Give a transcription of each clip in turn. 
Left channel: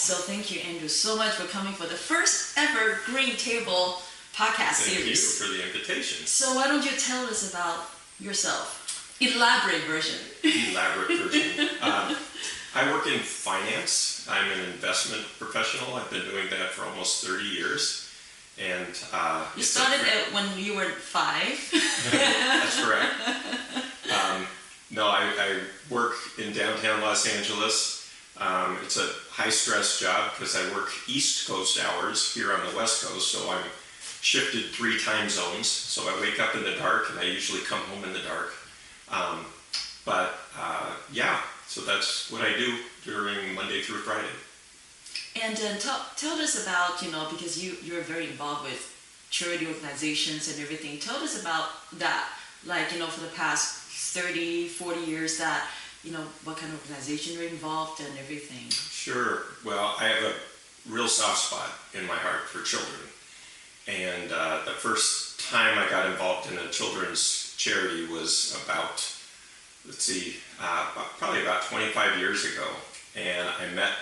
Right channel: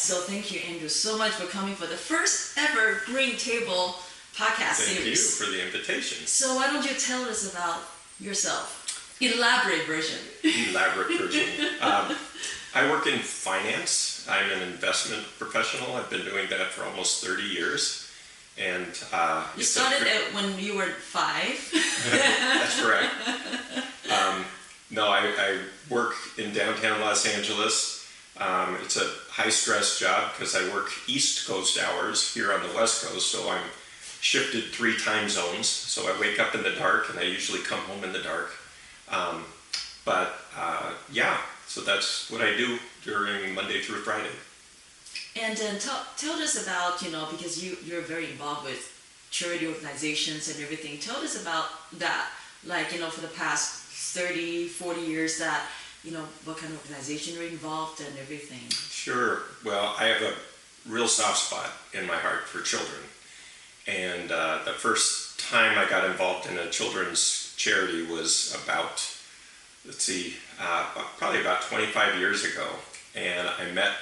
So thank you, Andrew, so much for coming for the first ever Green Table podcast series. Thank you for the invitation. So why don't you tell us about yourself? Elaborate version. I work in finance. I'm an investment professional. I've been doing that for almost 30 years. And you started when you were 5. That's correct. No, I work in downtown Los Angeles. It's a high-stress job because I work East Coast hours here on the West Coast, so I'm shifted 3 time zones. So I wake up in the dark, and I usually come home in the dark. So that's what I do during Monday through Friday. And tell us about, because you're very involved with charity organizations and everything. Tell us about that, for the past 30, 40 years that, what kind of organization you're involved and everything. Sure. Well, I have a real soft spot in my heart for children. And the first time I got involved in a children's charity was about, probably about 25 years ago. And I met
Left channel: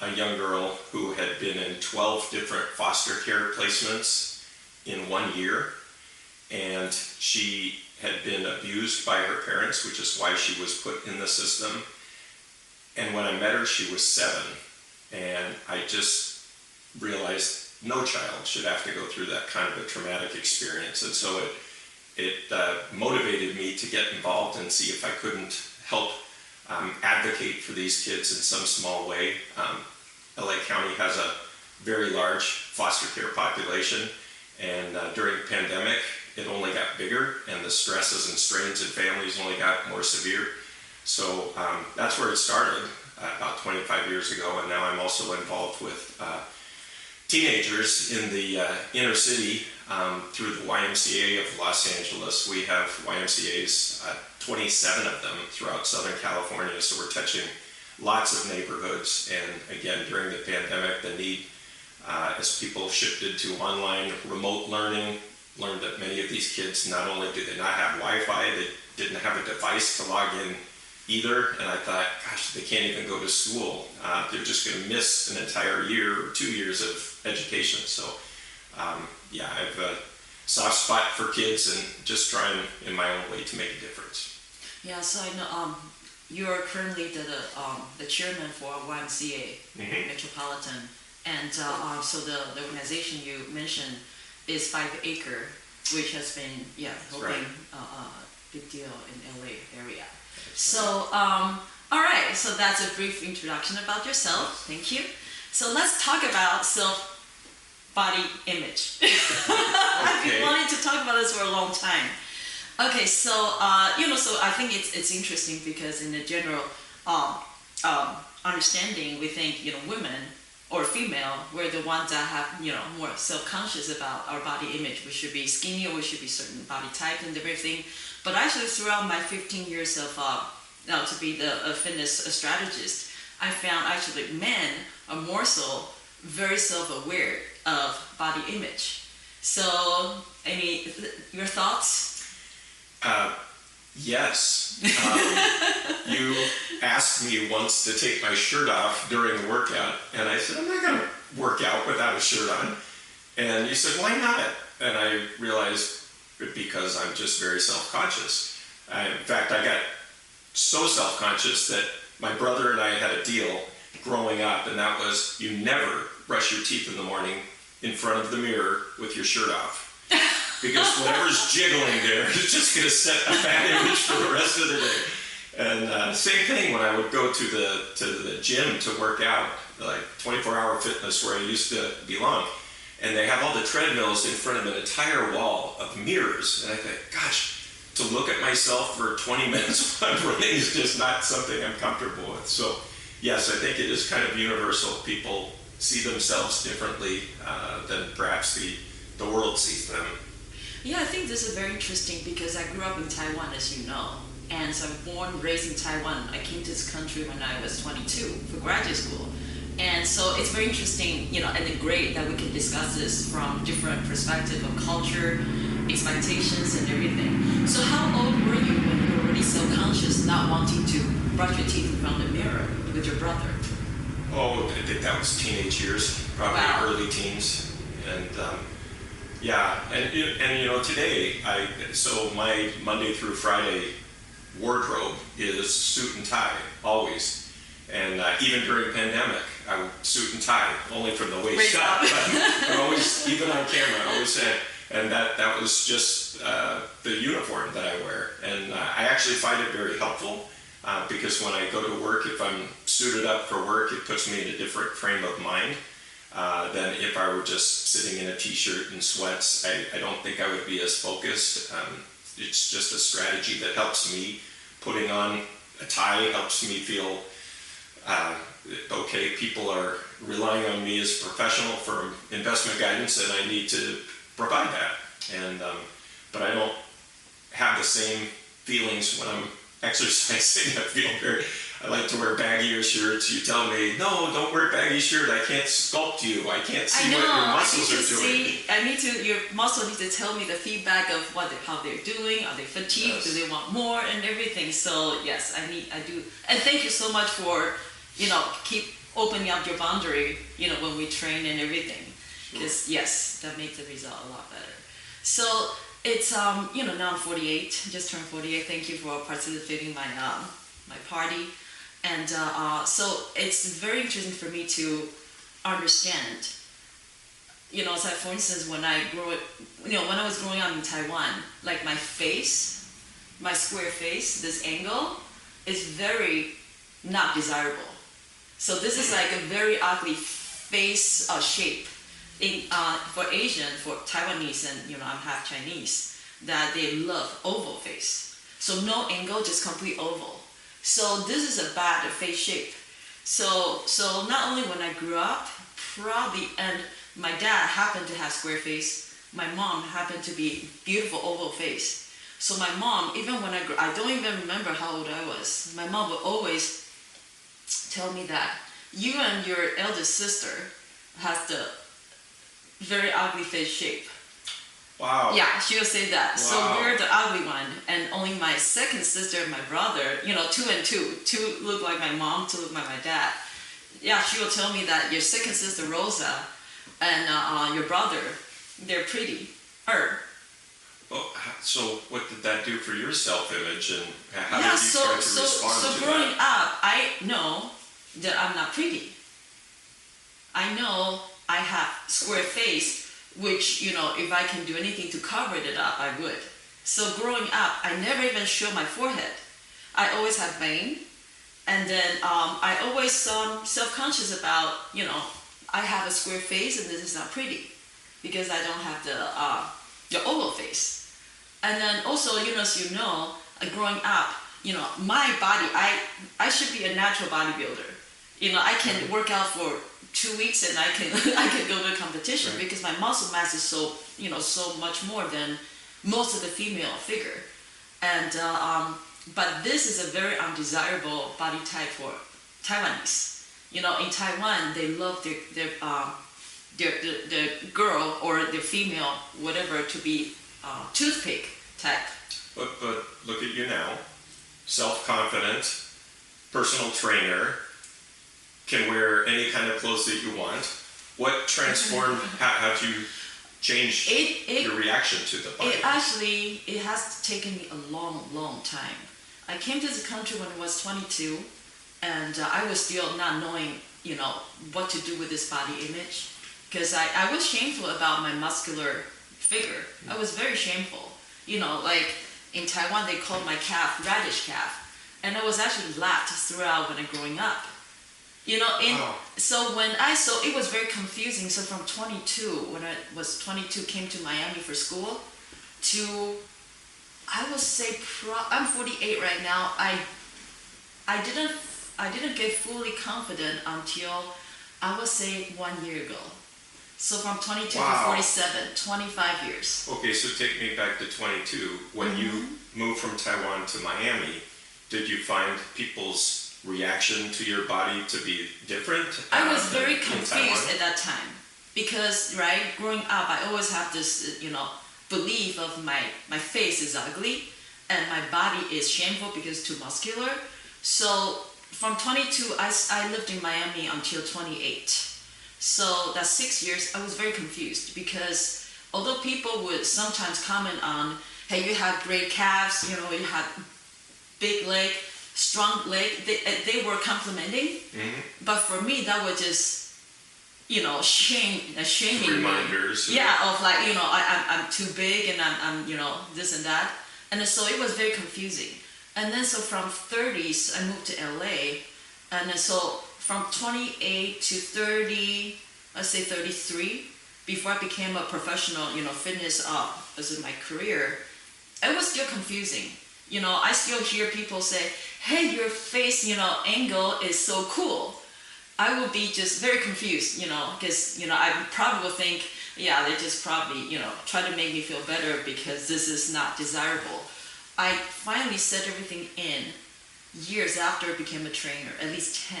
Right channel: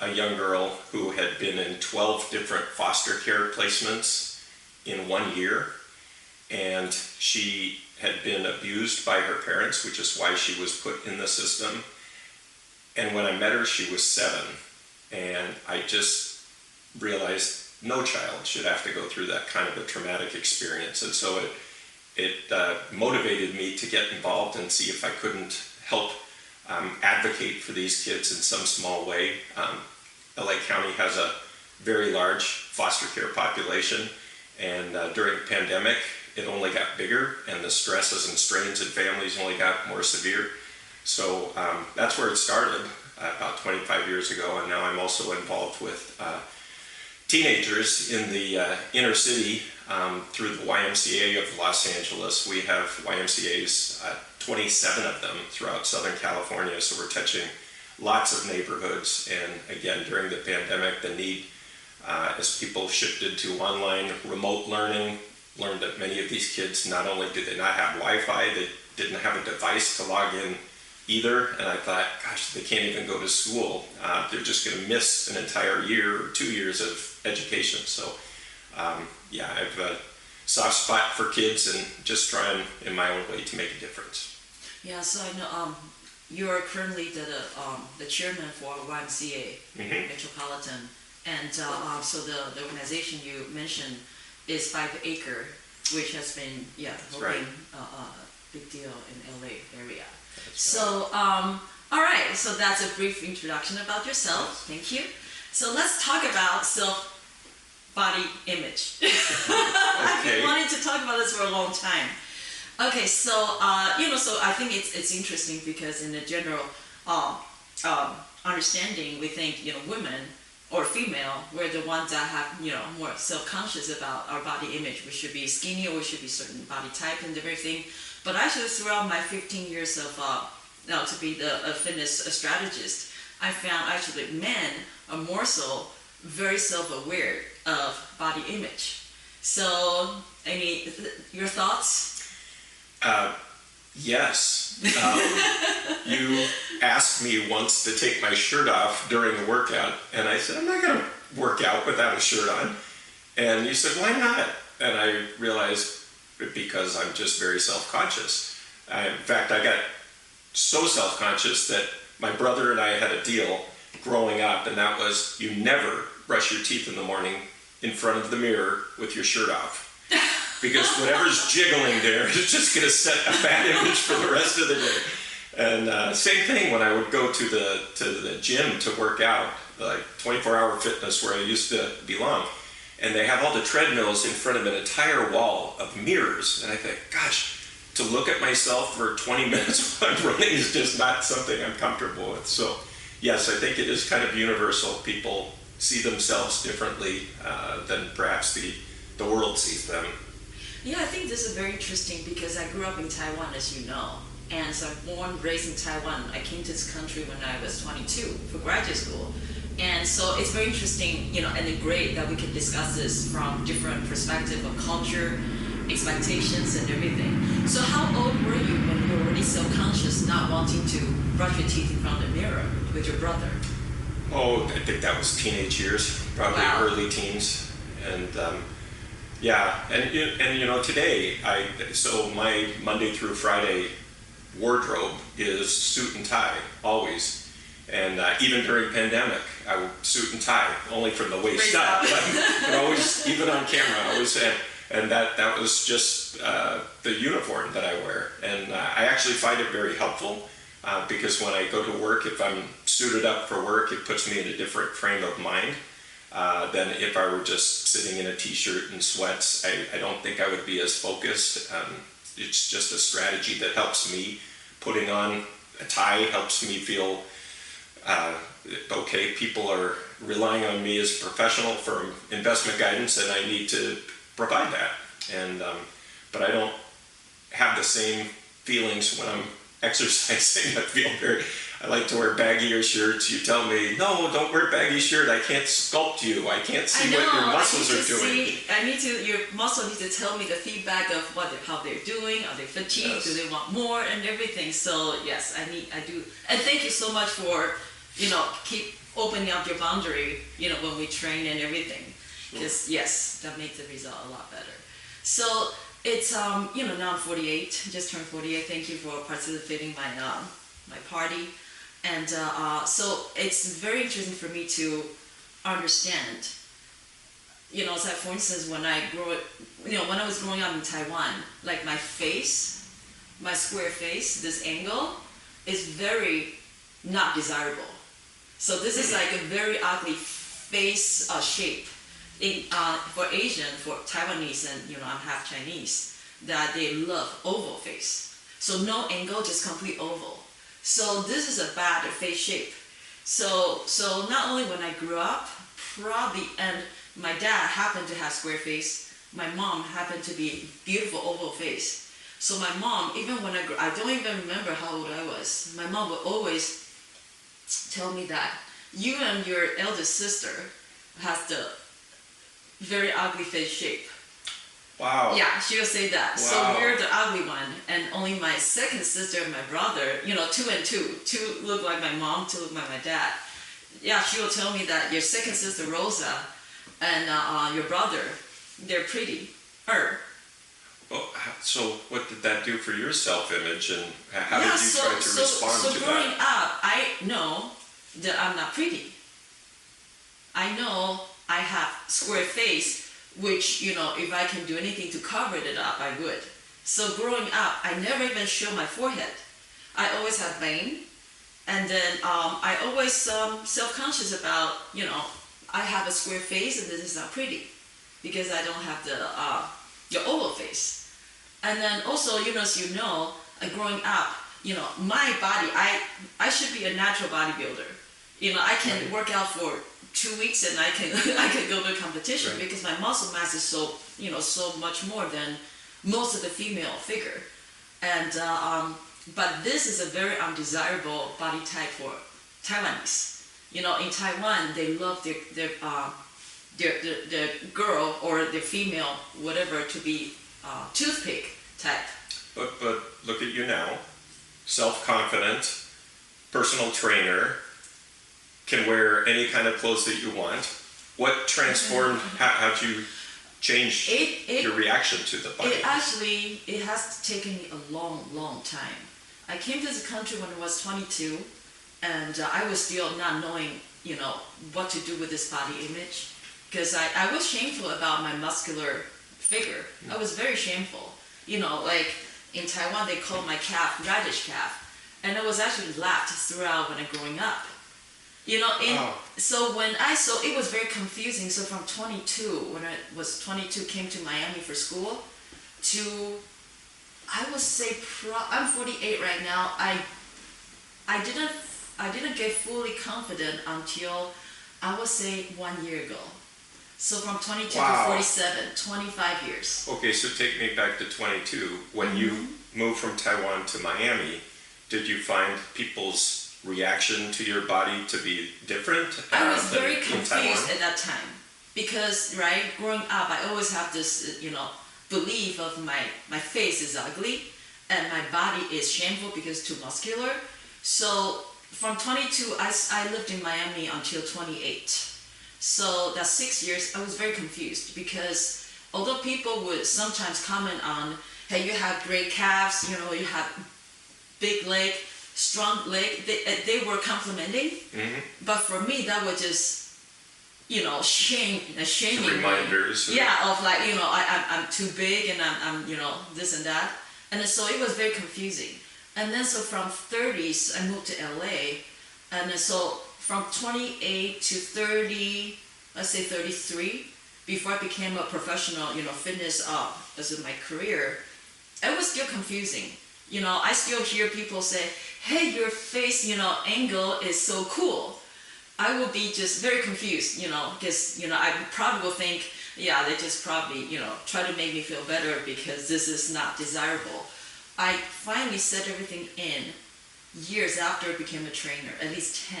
a young girl who had been in 12 different foster care placements in 1 year. And she had been abused by her parents, which is why she was put in the system. And when I met her, she was 7. And I just realized no child should have to go through that kind of a traumatic experience. And so it motivated me to get involved and see if I couldn't help advocate for these kids in some small way. LA County has a very large foster care population, and during the pandemic, it only got bigger, and the stresses and strains in families only got more severe. So that's where it started about 25 years ago, and now I'm also involved with teenagers in the inner city through the YMCA of Los Angeles. We have YMCAs, 27 of them throughout Southern California, so we're touching lots of neighborhoods. And again, during the pandemic, the need, as people shifted to online remote learning, learned that many of these kids, not only did they not have Wi-Fi, they didn't have a device to log in either. And I thought, gosh, they can't even go to school. They're just going to miss an entire year or 2 years of education. So I have a soft spot for kids and just trying in my own way to make a difference. Yeah, so I know you're currently the chairman for YMCA Metropolitan. And so the organization you mentioned is 5 Acre, which has been helping a big deal in LA area. So all right, so that's a brief introduction about yourself. Thank you. So let's talk about body image. I've been wanting to talk about this for a long time. Okay, so so I think it's interesting because in the general understanding, we think women or female, we're the ones that have more self-conscious about our body image. We should be skinny, or we should be certain body type and everything. But actually, throughout my 15 years of to be a fitness strategist, I found actually men are more so very self-aware of body image. So, your thoughts? Yes. You asked me once to take my shirt off during a workout, and I said, I'm not going to work out without a shirt on. And you said, why not? And I realized because I'm just very self-conscious. In fact, I got so self-conscious that my brother and I had a deal growing up, and that was you never brush your teeth in the morning in front of the mirror with your shirt off. Because whatever's jiggling there is just going to set a bad image for the rest of the day. And same thing when I would go to the gym to work out, like 24-hour fitness where I used to belong. And they have all the treadmills in front of an entire wall of mirrors. And I think, gosh, to look at myself for 20 minutes while I'm running is just not something I'm comfortable with. So yes, I think it is kind of universal. People see themselves differently than perhaps the world sees them. Yeah, I think this is very interesting because I grew up in Taiwan, as you know. And so I'm born, raised in Taiwan. I came to this country when I was 22 for graduate school. And so it's very interesting, and great that we can discuss this from different perspectives of culture, expectations, and everything. So how old were you when you were already self-conscious, not wanting to brush your teeth in front of the mirror with your brother? Oh, I think that was teenage years, probably Wow. early teens, and yeah, and you know today so my Monday through Friday wardrobe is suit and tie always, and even during pandemic I would suit and tie only from the waist up, but always even on camera I always had, and that was just the uniform that I wear, and I actually find it very helpful. Because when I go to work, if I'm suited up for work, it puts me in a different frame of mind than if I were just sitting in a t-shirt and sweats. I don't think I would be as focused. It's just a strategy that helps me. Putting on a tie helps me feel okay, people are relying on me as a professional for investment guidance, and I need to provide that. And but I don't have the same feelings when I'm exercising. I like to wear baggier shirts. You tell me, no, don't wear baggy shirt. I can't sculpt you. I can't see what your muscles are doing. Your muscle needs to tell me the feedback of how they're doing. Are they fatigued? Yes. Do they want more and everything? So yes, I do. And thank you so much for, keep opening up your boundary, when we train and everything. Because yes, that makes the result a lot better. So it's, now I'm 48, just turned 48. Thank you for participating in my party. And so it's very interesting for me to understand, so for instance, when I was growing up in Taiwan, like my face, my square face, this angle is very not desirable. So this is like a very ugly face shape. For Asian, for Taiwanese, and I'm half Chinese, that they love oval face. So no angle, just complete oval. So this is a bad face shape. So not only when I grew up, and my dad happened to have square face, my mom happened to be beautiful oval face. So my mom, even when I don't even remember how old I was, my mom would always tell me that you and your eldest sister has the very ugly face shape. Wow. Yeah, she'll say that. Wow. So we're the ugly one, and only my second sister and my brother, 2 and 2. 2 look like my mom, 2 look like my dad. Yeah, she will tell me that your second sister Rosa and your brother, they're pretty. Well, so what did that do for your self-image, and how did you try to respond to that? So growing up, I know that I'm not pretty. I know I have square face, which, if I can do anything to cover it up, I would. So growing up, I never even show my forehead. I always have vein. And then I always self-conscious about, I have a square face and this is not pretty because I don't have the oval face. And then also, as growing up, my body, I should be a natural bodybuilder. I can work out for 2 weeks and I can go to a competition, right? Because my muscle mass is so much more than most of the female figure, and but this is a very undesirable body type for Taiwanese. In Taiwan they love their girl or their female whatever to be toothpick type. But look at you now, self-confident, personal trainer. Can wear any kind of clothes that you want. What transformed? How did you change your reaction to the body? It has taken me a long time. I came to this country when I was 22, and I was still not knowing, what to do with this body image, because I was shameful about my muscular figure. I was very shameful. Like in Taiwan they called my calf radish calf, and I was actually laughed throughout when I growing up. So it was very confusing. So from 22, when I was 22, came to Miami for school, to, I would say, I'm 48 right now. I didn't get fully confident until, I would say, 1 year ago. So from 22 to 47, 25 years. Okay, so take me back to 22. When you moved from Taiwan to Miami, did you find people's reaction to your body to be different? I was very confused at that time because, growing up, I always have this, belief of my face is ugly and my body is shameful because too muscular. So from 22, I lived in Miami until 28. So that 6 years, I was very confused because although people would sometimes comment on, hey, you have great calves, you know, you have big leg, strong leg, they were complimenting. Mm-hmm. But for me, that was just, you know, shaming reminders. Yeah, of like, you know, I'm too big and I'm, you know, this and that. And so it was very confusing. And then so from 30s, I moved to LA. And then so from 28 to 30, let's say 33, before I became a professional, you know, fitness as in my career, it was still confusing. You know, I still hear people say, hey, your face, you know, angle is so cool. I will be just very confused, you know, because, you know, I probably will think, yeah, they just probably, you know, try to make me feel better because this is not desirable. I finally set everything in years after I became a trainer, at least 10.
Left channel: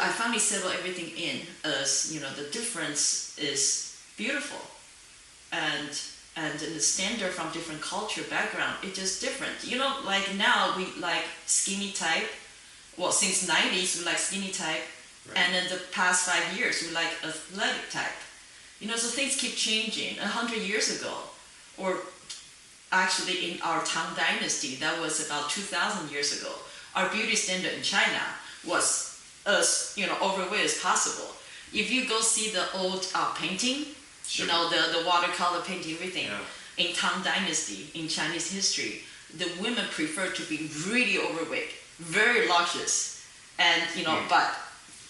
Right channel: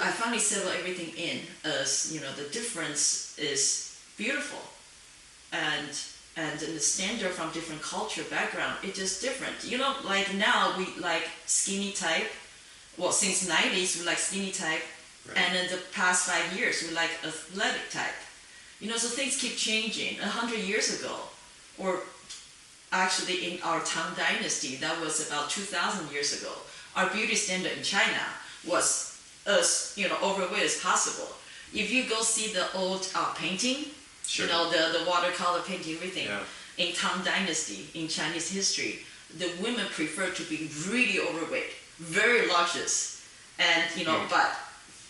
I finally settled everything in as, you know, the difference is beautiful. And the standard from different culture background, it's just different. You know, like now we like skinny type. Well, since 90s we like skinny type. Right. And in the past 5 years we like athletic type. You know, so things keep changing. 100 years ago, or actually in our Tang Dynasty, that was about 2,000 years ago, our beauty standard in China was as, you know, overweight as possible. If you go see the old painting, sure. You know, the watercolor painting, everything, yeah. In Tang Dynasty, in Chinese history, the women prefer to be really overweight, very luscious. And, you know, but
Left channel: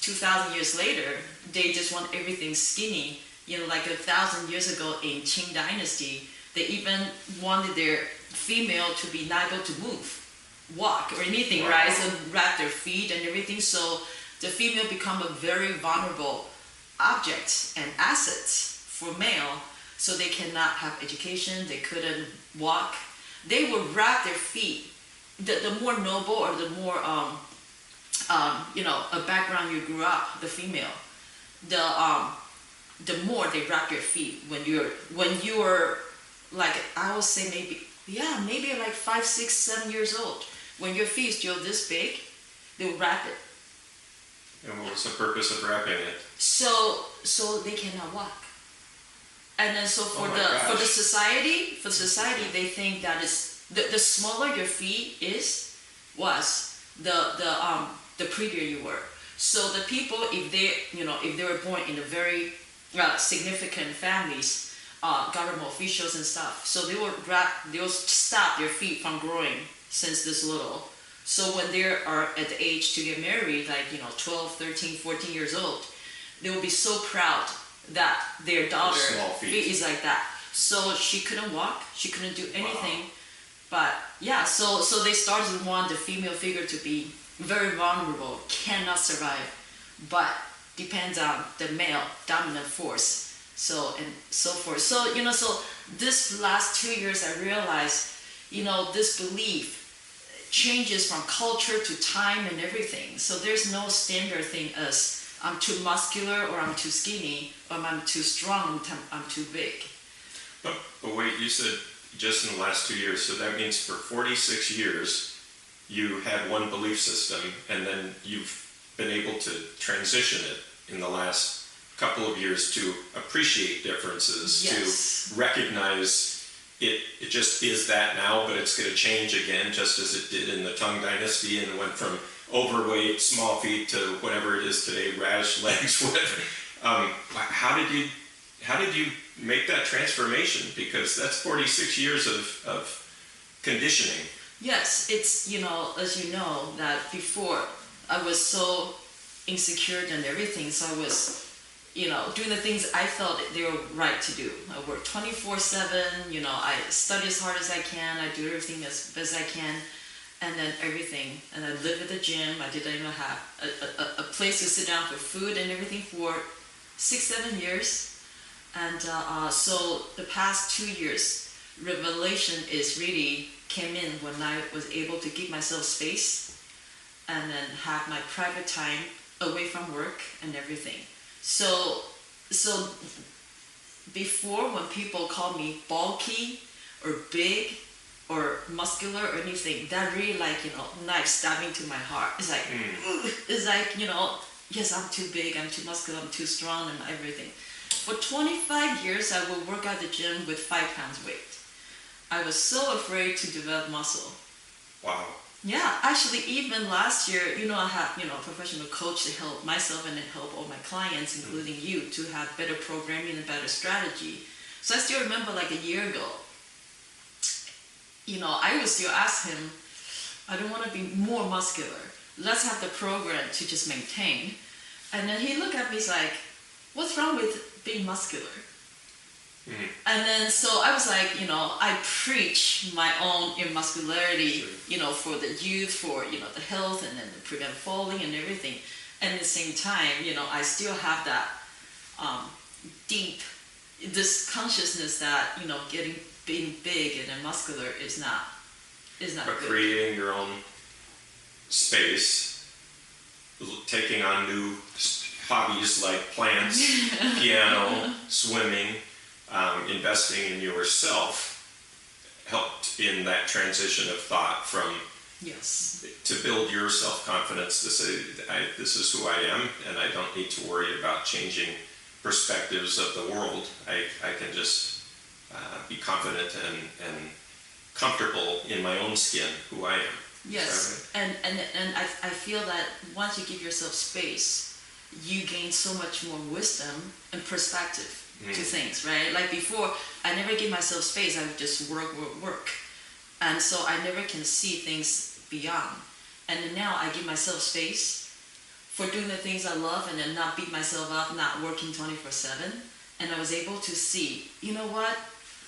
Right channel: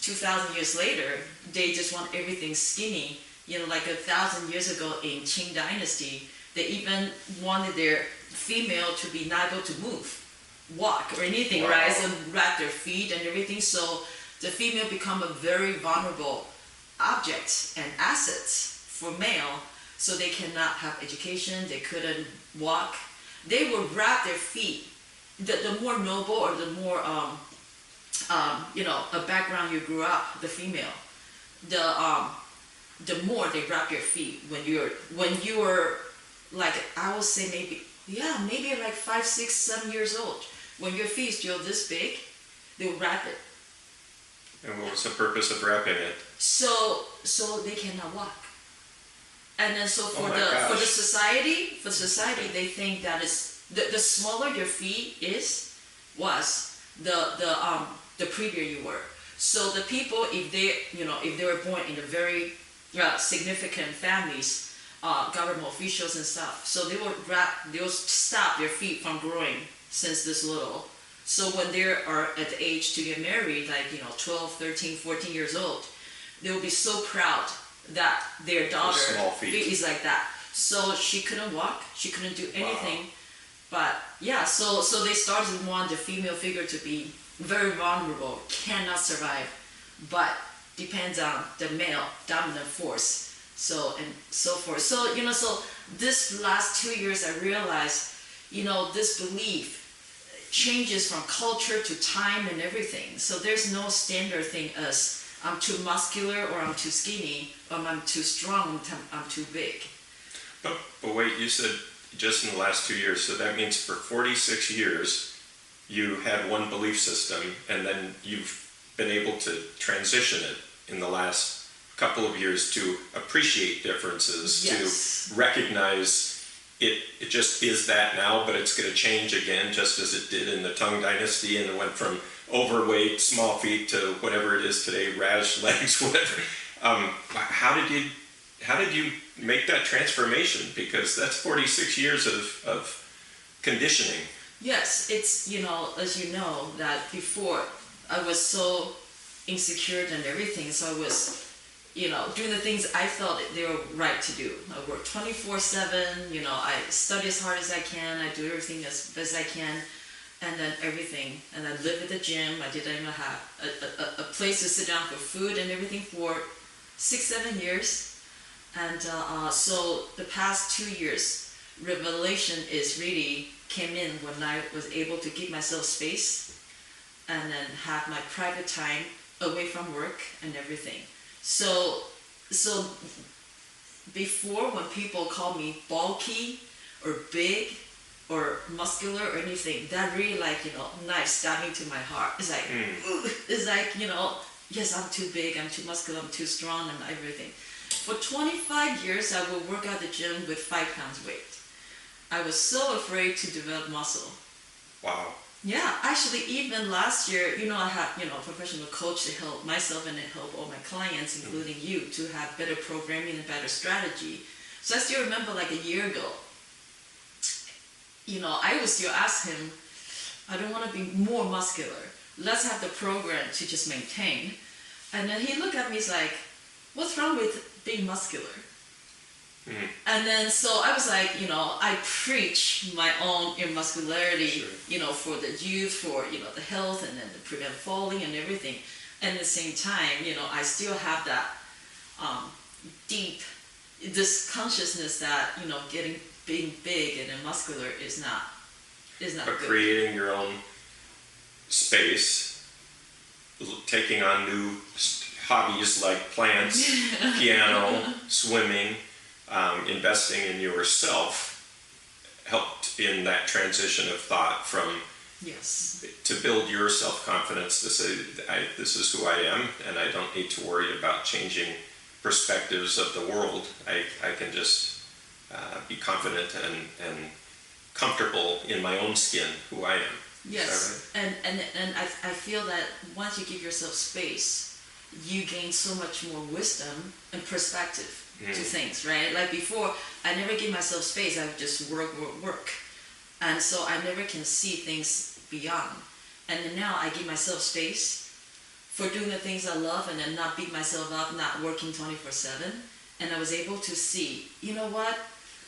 2,000 years later, they just want everything skinny. You know, like 1,000 years ago in Qing Dynasty, they even wanted their female to be not able to move, walk, or anything, wow. Right? So wrap their feet and everything. So the female become a very vulnerable object and assets for male. So they cannot have education, they couldn't walk. They would wrap their feet. The more noble or the more, you know, a background you grew up, the female, the more they wrap your feet when you're like, I would say maybe like 5, 6, 7 years old. When your feet is still this big, they'll wrap it. And what's the purpose of wrapping it? So they cannot walk. And then so for the society, they think that is the smaller your feet was the prettier you were. So the people, if they were born in a very significant families, government officials and stuff, so they will stop their feet from growing since this little. So when they are at the age to get married, like, you know, 12, 13, 14 years old, they will be so proud that their daughter feet is like that. So she couldn't walk, she couldn't do anything. Wow. But yeah, so they started to want the female figure to be very vulnerable, cannot survive, but depends on the male dominant force. So and so forth. So, you know, so this last 2 years I realized, you know, this belief changes from culture to time and everything. So there's no standard thing as I'm too muscular or I'm too skinny, or I'm too strong, I'm too big. But wait, you said just in the last 2 years, so that means for 46 years you had one belief system and then you've been able to transition it in the last couple of years to appreciate differences, yes. To recognize it just is that now, but it's going to change again, just as it did in the Tang Dynasty, and it went from overweight, small feet to whatever it is today, radish legs, whatever. How did you make that transformation? Because that's 46 years of conditioning. Yes, it's, you know, as you know, that before I was so insecure and everything, so I was, you know, doing the things I felt they were right to do. I work 24/7, you know, I study as hard as I can, I do everything as best I can, and then everything. And I live at the gym, I didn't even have a place to sit down for food and everything for 6, 7 years. And so the past 2 years, revelation really came in when I was able to give myself space and then have my private time away from work and everything. So before, when people call me bulky or big, or muscular or anything, that really like, knife stabbing to my heart. It's like, it's like, yes, I'm too big, I'm too muscular, I'm too strong and everything. For 25 years, I would work at the gym with 5 pounds weight. I was so afraid to develop muscle. Wow. Yeah, actually, even last year, I had, a professional coach to help myself and help all my clients, including you, to have better programming and better strategy. So I still remember like a year ago, I would still ask him, I don't want to be more muscular. Let's have the program to just maintain. And then he looked at me, he's like, what's wrong with being muscular? And then, so I was like, I preach my own muscularity, for the youth, for, the health, and then to prevent falling and everything. And at the same time, I still have that deep, this consciousness that, being big and then muscular is not But good. creating your own space, taking on new hobbies like plants, piano, swimming, investing in yourself helped in that transition of thought from Yes. to build your self-confidence to say, this is who I am, and I don't need to worry about changing perspectives of the world. I can just be confident and comfortable in my own skin, who I am. Yes, right? and I feel that once you give yourself space, you gain so much more wisdom and perspective to things, right? Like before, I never give myself space. I would just work. And so I never can see things beyond. And then now I give myself space for doing the things I love and then not beat myself up, not working 24/7. And I was able to see, you know what?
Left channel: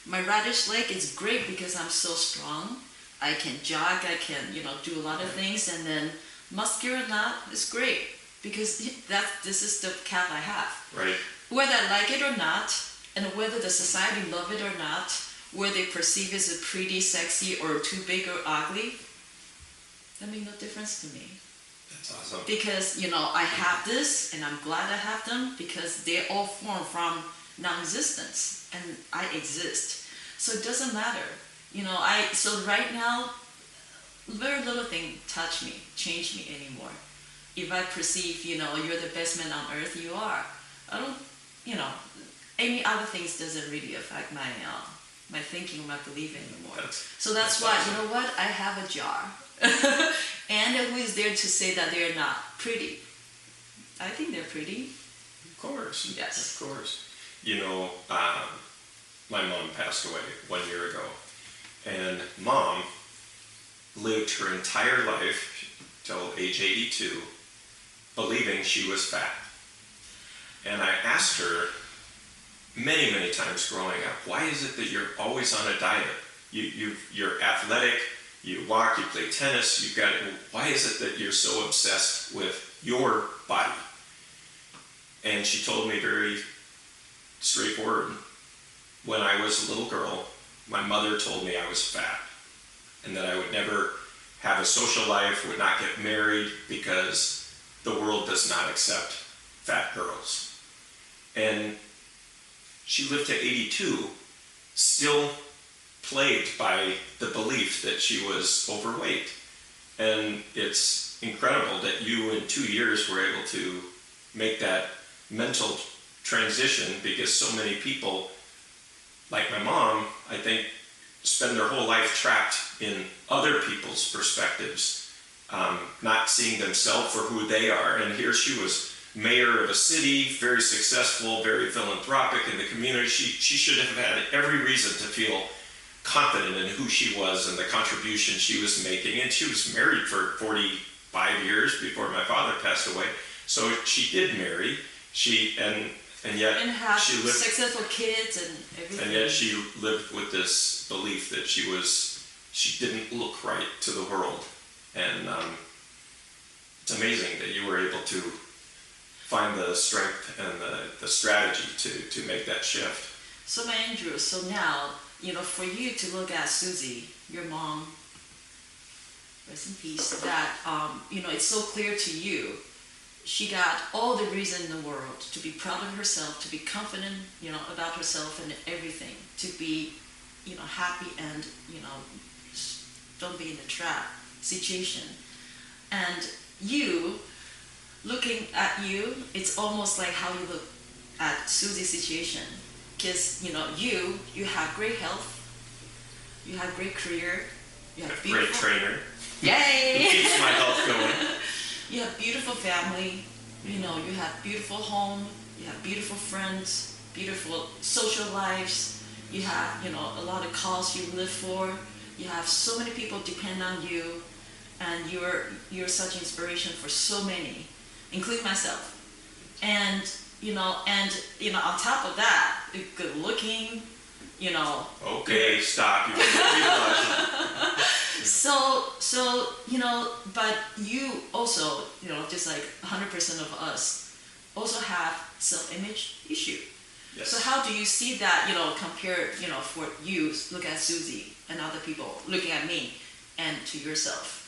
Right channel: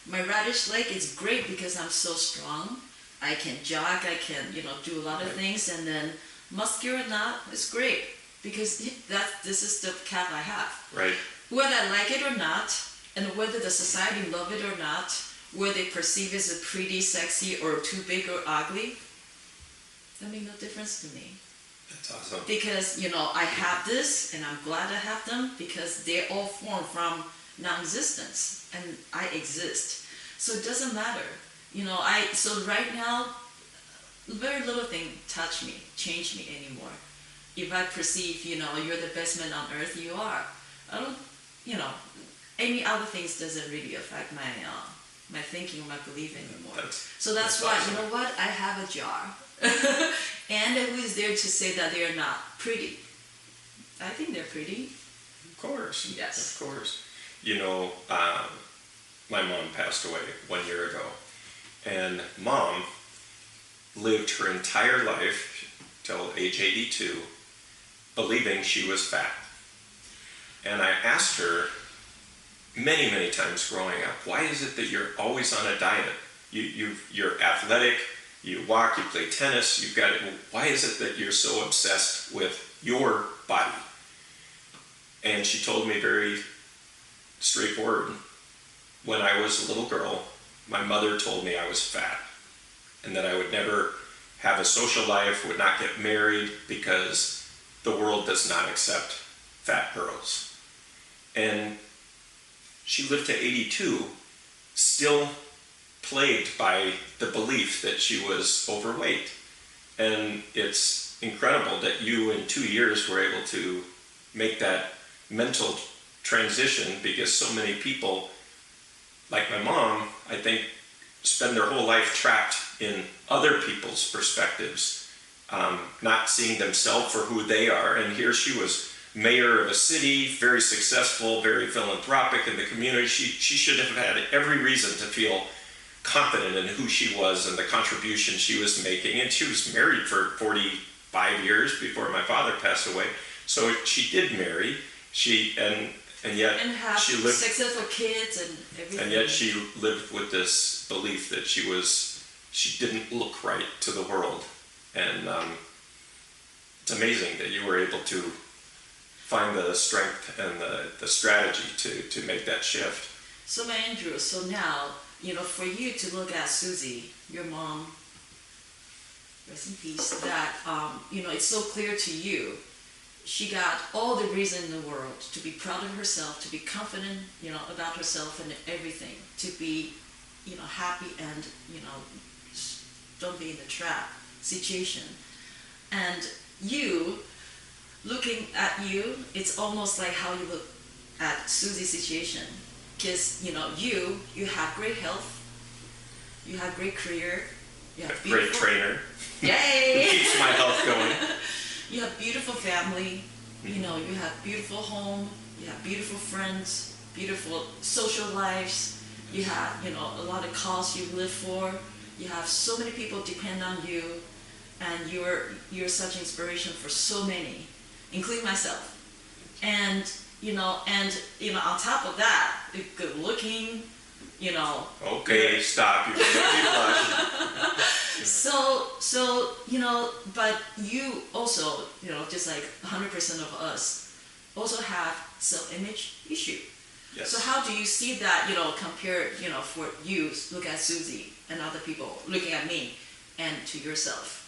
My radish leg is great because I'm so strong. I can jog, I can, do a lot of things. And then muscular not is great because this is the cap I have. Right. Whether I like it or not, and whether the society love it or not, whether they perceive it as a pretty, sexy, or too big or ugly, that makes no difference to me. That's awesome. Because, I have this, and I'm glad I have them, because they all form from non-existence, and I exist. So it doesn't matter. So right now, very little thing touch me, change me anymore. If I perceive, you're the best man on earth, you are. I don't, any other things doesn't really affect my thinking or my belief anymore. That's why, awesome. You know what? I have a jar. And who is there to say that they're not pretty? I think they're pretty. Of course. Yes. Of course. My mom passed away 1 year ago. And Mom lived her entire life till age 82 believing she was fat. And I asked her many, many times growing up, why is it that you're always on a diet? You're athletic, you walk, you play tennis, you've got it. Why is it that you're so obsessed with your body? And she told me very straightforward, when I was a little girl, my mother told me I was fat and that I would never have a social life, would not get married because the world does not accept fat girls. And she lived to 82, still plagued by the belief that she was overweight. And it's incredible that you in 2 years were able to make that mental transition, because so many people, like my mom, I think, spend their whole life trapped in other people's perspectives, not seeing themselves for who they are. And here she was mayor of a city, very successful, very philanthropic in the community. She should have had every reason to feel confident in who she was and the contribution she was making. And she was married for 45 years before my father passed away. So she did marry. And yet have she lived successful kids and everything. And yet she lived with this belief that she didn't look right to the world. And it's amazing that you were able to find the strength and the strategy to make that shift. So, Andrew, so now, for you to look at Susie, your mom, rest in peace, that, it's so clear to you, she got all the reason in the world to be proud of herself, to be confident, about herself and everything, to be, happy and, don't be in the trap situation. And you, looking at you, it's almost like how you look at Susie's situation. Because, you have great health, you have great career, you have great trainer. Yay! It keeps my health going. You have beautiful family, you have beautiful home, you have beautiful friends, beautiful social lives, you have, a lot of cause you live for, you have so many people depend on you, and you're such inspiration for so many, including myself. And, on top of that, good looking, Okay, stop. You can blush. So, but you also, just like 100% of us, also have self-image issue. Yes. So how do you see that, compared, for you, look at Susie and other people, looking at me, and to yourself?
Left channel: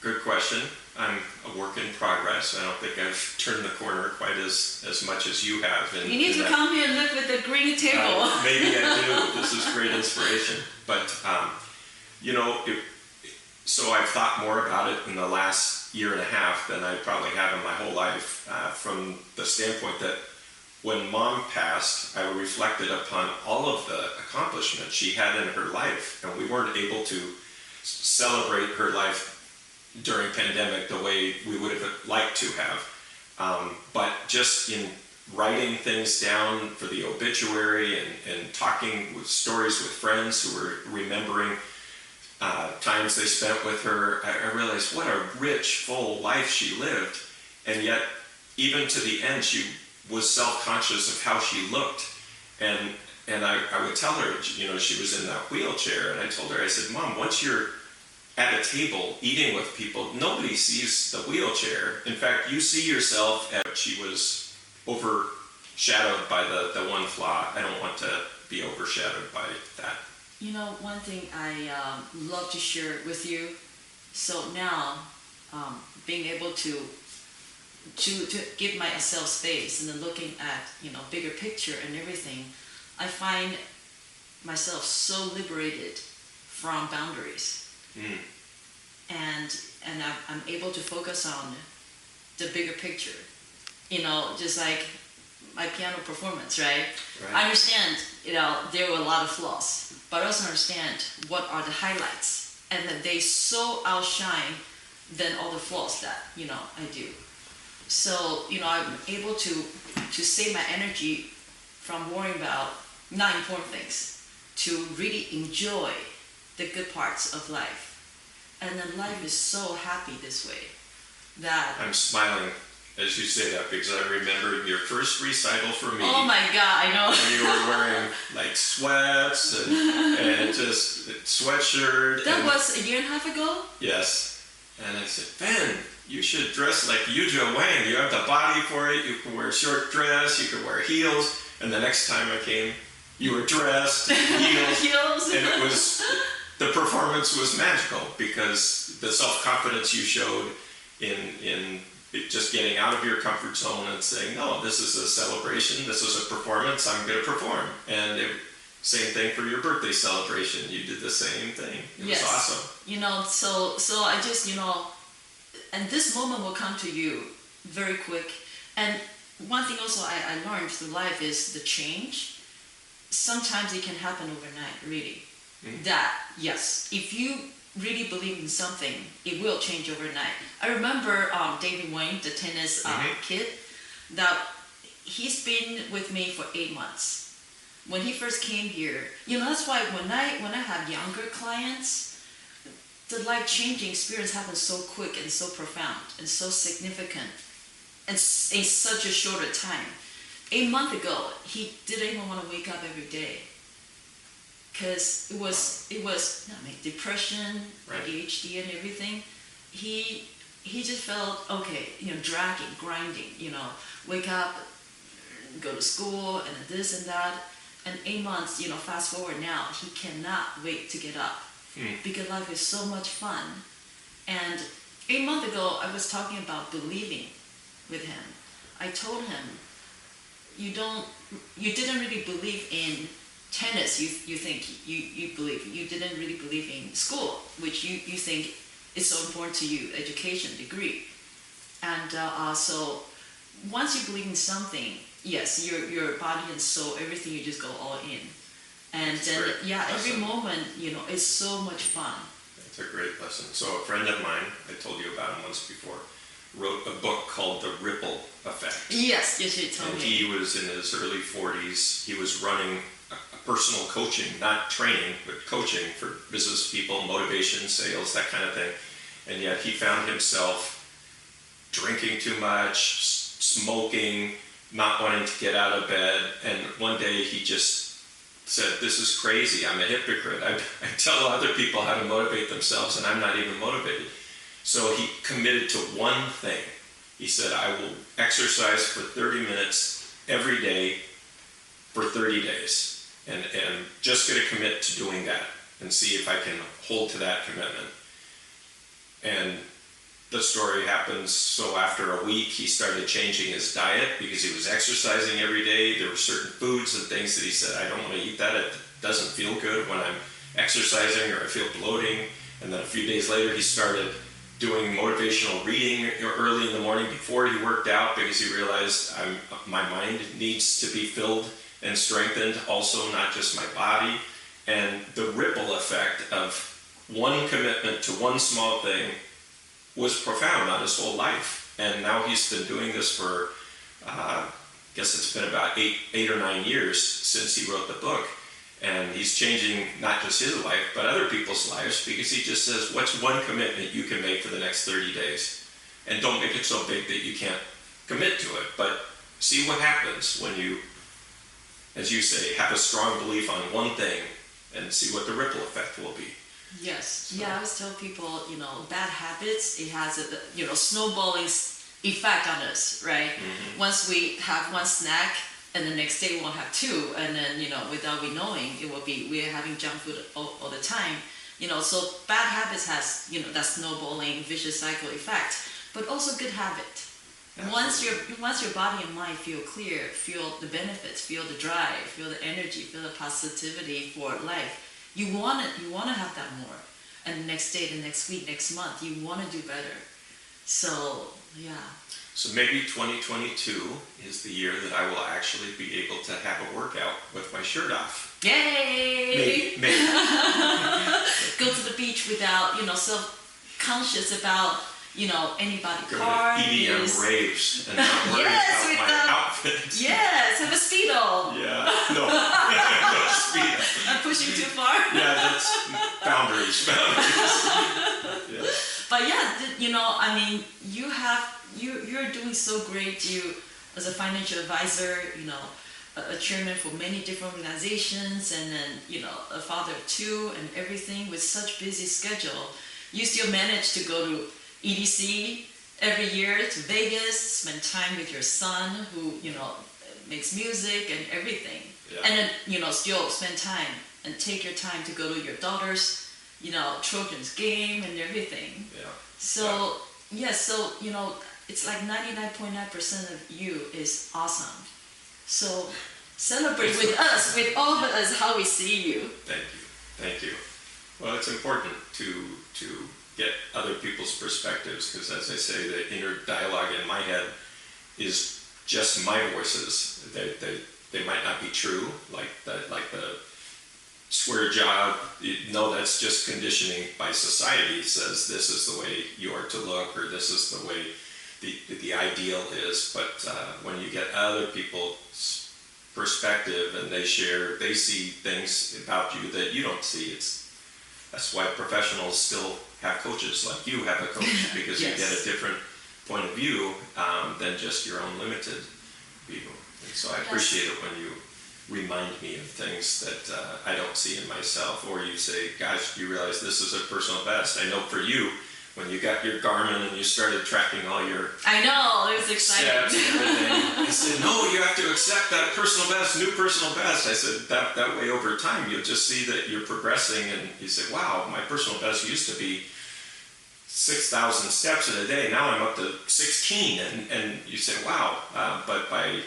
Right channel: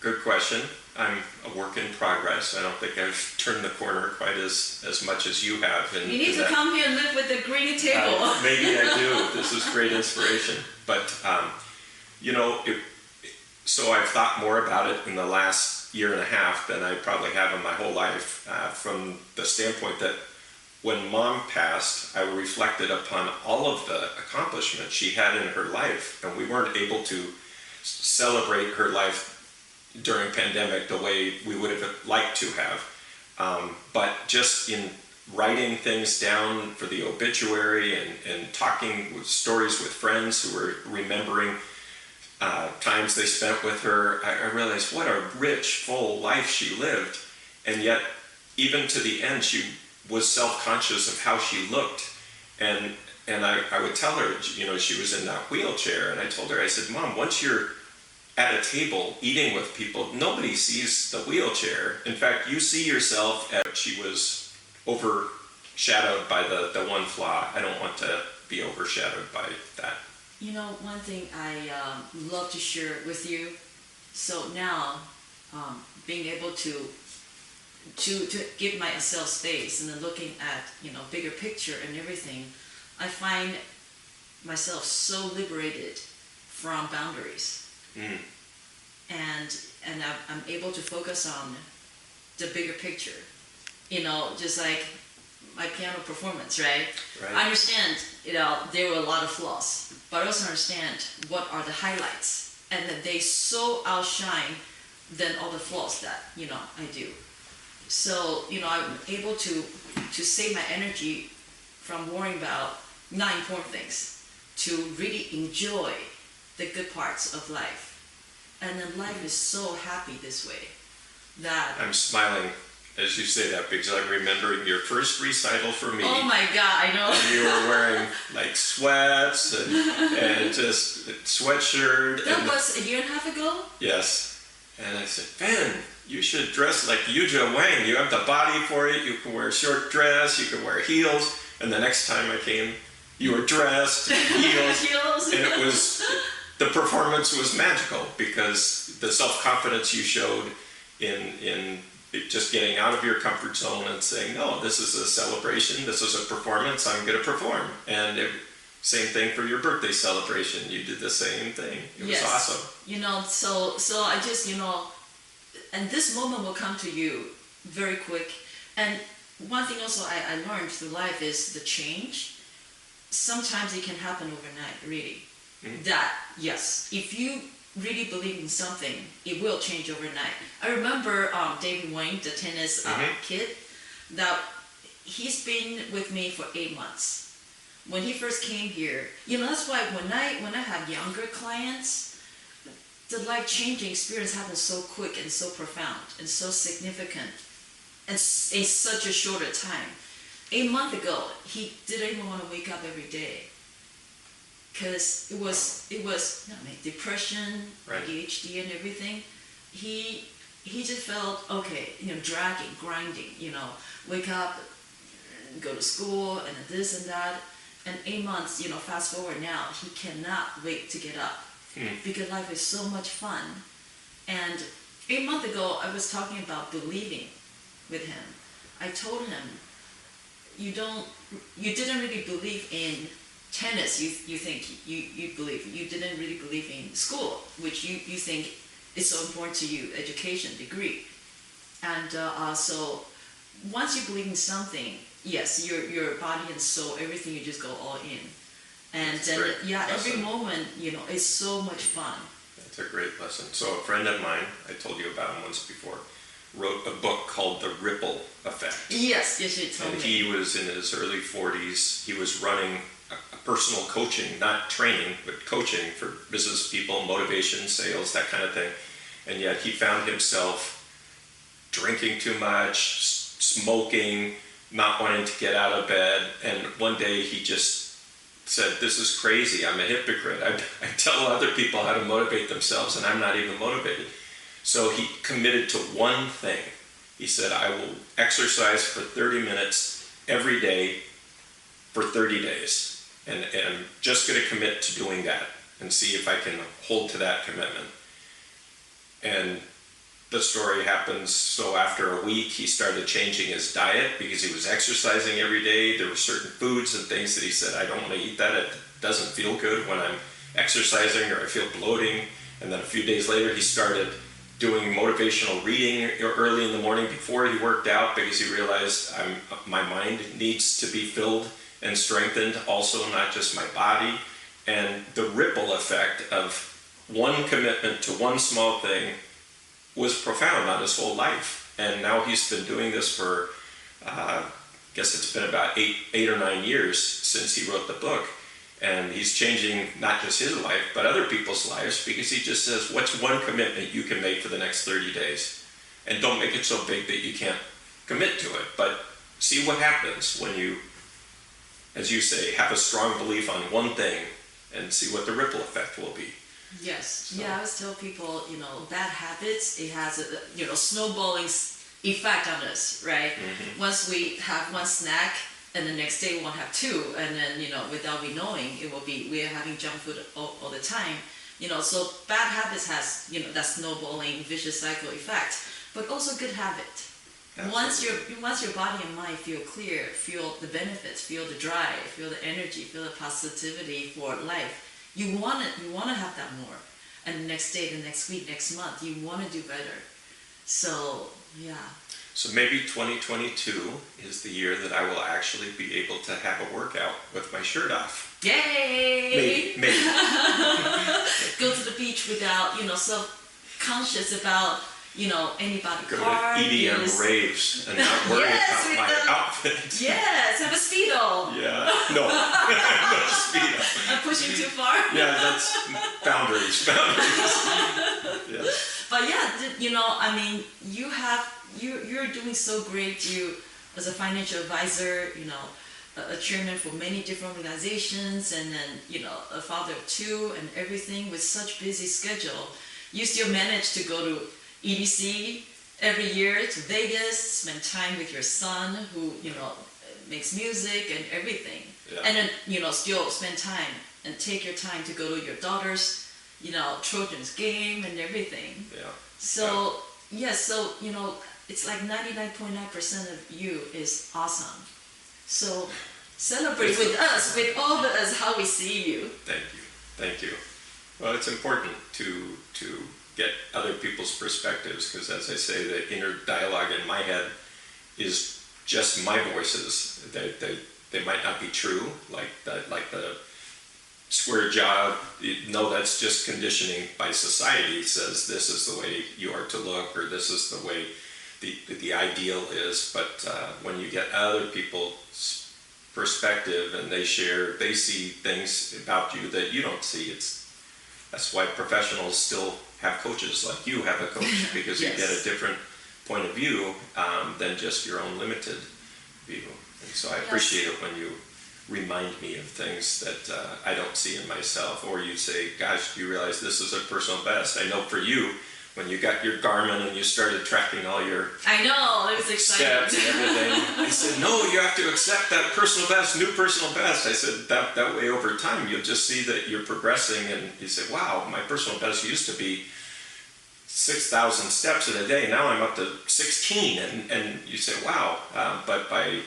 Good question. I'm a work in progress. I don't think I've turned the corner quite as much as you have. You need to come here and live with the green table. Maybe I do. This is great inspiration. But, so I've thought more about it in the last year and a half than I probably have in my whole life, from the standpoint that when Mom passed, I reflected upon all of the accomplishments she had in her life, and we weren't able to celebrate her life during pandemic the way we would have liked to have. But just in writing things down for the obituary and talking with stories with friends who were remembering times they spent with her, I realized what a rich, full life she lived. And yet, even to the end, she was self-conscious of how she looked. And I would tell her, she was in that wheelchair, and I told her, I said, Mom, once you're at a table eating with people, nobody sees the wheelchair. In fact, you see yourself as she was overshadowed by the one flaw. I don't want to be overshadowed by that. One thing I love to share with you. So now, being able to give myself space and then looking at bigger picture and everything, I find myself so liberated from boundaries. And I'm able to focus on the bigger picture, just like my piano performance, right? I understand, there were a lot of flaws, but I also understand what are the highlights, and that they so outshine than all the flaws that, I do. So, I'm able to save my energy from worrying about not important things, to really enjoy the good parts of life. And then life is so happy this way that... I'm smiling as you say that because I remember your first recital for me. Oh my God, I know. And you were wearing like sweats and just sweatshirt. That was a year and a half ago? Yes. And I said, Fen, you should dress like Yuja Wang. You have the body for it. You can wear a short dress. You can wear heels. And the next time I came, you were dressed, heels. And it was... The performance was magical because the self-confidence you showed in just getting out of your comfort zone and saying, no, this is a celebration, this is a performance, I'm going to perform. And same thing for your birthday celebration. You did the same thing. It was awesome. So I just, and this moment will come to you very quick. And one thing also I learned through life is the change. Sometimes it can happen overnight, really. That, yes, if you really believe in something, it will change overnight. I remember David Wayne, the tennis kid, that he's been with me for 8 months. When he first came here, that's why when I have younger clients, the life-changing experience happens so quick and so profound and so significant and in such a shorter time. 8 months ago, he didn't even want to wake up every day. Because it was depression, ADHD, and everything. He just felt okay, dragging, grinding, wake up, go to school, and this and that. And 8 months, fast forward now, he cannot wait to get up because life is so much fun. And 8 months ago, I was talking about believing with him. I told him, you didn't really believe in tennis, you think you believe, you didn't really believe in school, which you think is so important to you, education, degree. And so once you believe in something, yes, your body and soul, everything, you just go all in. And That's then, great. yeah, every Lesson. moment, is so much fun. It's a great lesson. So a friend of mine, I told you about him once before, wrote a book called The Ripple Effect. Yes, you told And me. he was in his early 40s. He was running a personal coaching, not training, but coaching for business people, motivation, sales, that kind of thing. And yet he found himself drinking too much, smoking, not wanting to get out of bed. And one day he just said, this is crazy, I'm a hypocrite. I tell other people how to motivate themselves and I'm not even motivated. So he committed to one thing. He said, I will exercise for 30 minutes every day for 30 days. And just going to commit to doing that and see if I can hold to that commitment. And the story happens, so after a week he started changing his diet because he was exercising every day. There were certain foods and things that he said, I don't want to eat that. It doesn't feel good when I'm exercising, or I feel bloating. And then a few days later he started doing motivational reading early in the morning before he worked out, because he realized my mind needs to be filled and strengthened also, not just my body. And the ripple effect of one commitment to one small thing was profound on his whole life. And now he's been doing this for, I guess it's been about eight or 9 years since he wrote the book. And he's changing not just his life, but other people's lives, because he just says, what's one commitment you can make for the next 30 days? And don't make it so big that you can't commit to it, but see what happens when you, as you say, have a strong belief on one thing and see what the ripple effect will be. Yes. So. Yeah, I always tell people, bad habits, it has a, snowballing effect on us, right? Mm-hmm. Once we have one snack, and the next day we won't have two, and then, without we knowing, it will be, we're having junk food all the time. So bad habits has, that snowballing vicious cycle effect, but also good habit. Absolutely. Once your body and mind feel clear, feel the benefits, feel the drive, feel the energy, feel the positivity for life, you want to have that more. And the next day, the next week, next month, you want to do better. So, yeah. So maybe 2022 is the year that I will actually be able to have a workout with my shirt off. Yay! Maybe. Go to the beach without, self-conscious about, anybody go car. to EDM raves and not worry about my outfit. Yes, have a Speedo. Yeah, no Speedo. I'm pushing too far. Yeah, that's boundaries. Yeah. But yeah, you're doing so great. You, as a financial advisor, a chairman for many different organizations, and then, a father of two and everything, with such busy schedule, you still manage to go to EDC every year, to Vegas, spend time with your son who, makes music and everything. Yeah. And then, still spend time and take your time to go to your daughter's, children's game and everything. Yeah. So, yes, so, it's like 99.9% of you is awesome. So celebrate with us, with all of us, how we see you. Thank you. Well, it's important to get other people's perspectives, because as I say, the inner dialogue in my head is just my voices. They might not be true, like the square jaw. That's just conditioning by society. It says this is the way you are to look, or this is the way the ideal is. But when you get other people's perspective and they see things about you that you don't see, that's why professionals still have coaches like you have a coach, because yes. You get a different point of view than just your own limited view. And so I appreciate it when you remind me of things that I don't see in myself, or you say, gosh, do you realize this is a personal best? I know for you, when you got your Garmin and you started tracking all your I know, it was exciting. Steps and everything, I said, no, you have to accept that personal best, new personal best. I said, that way over time, you'll just see that you're progressing, and you say, wow, my personal best used to be 6,000 steps in a day. Now I'm up to 16, and you say, wow. But by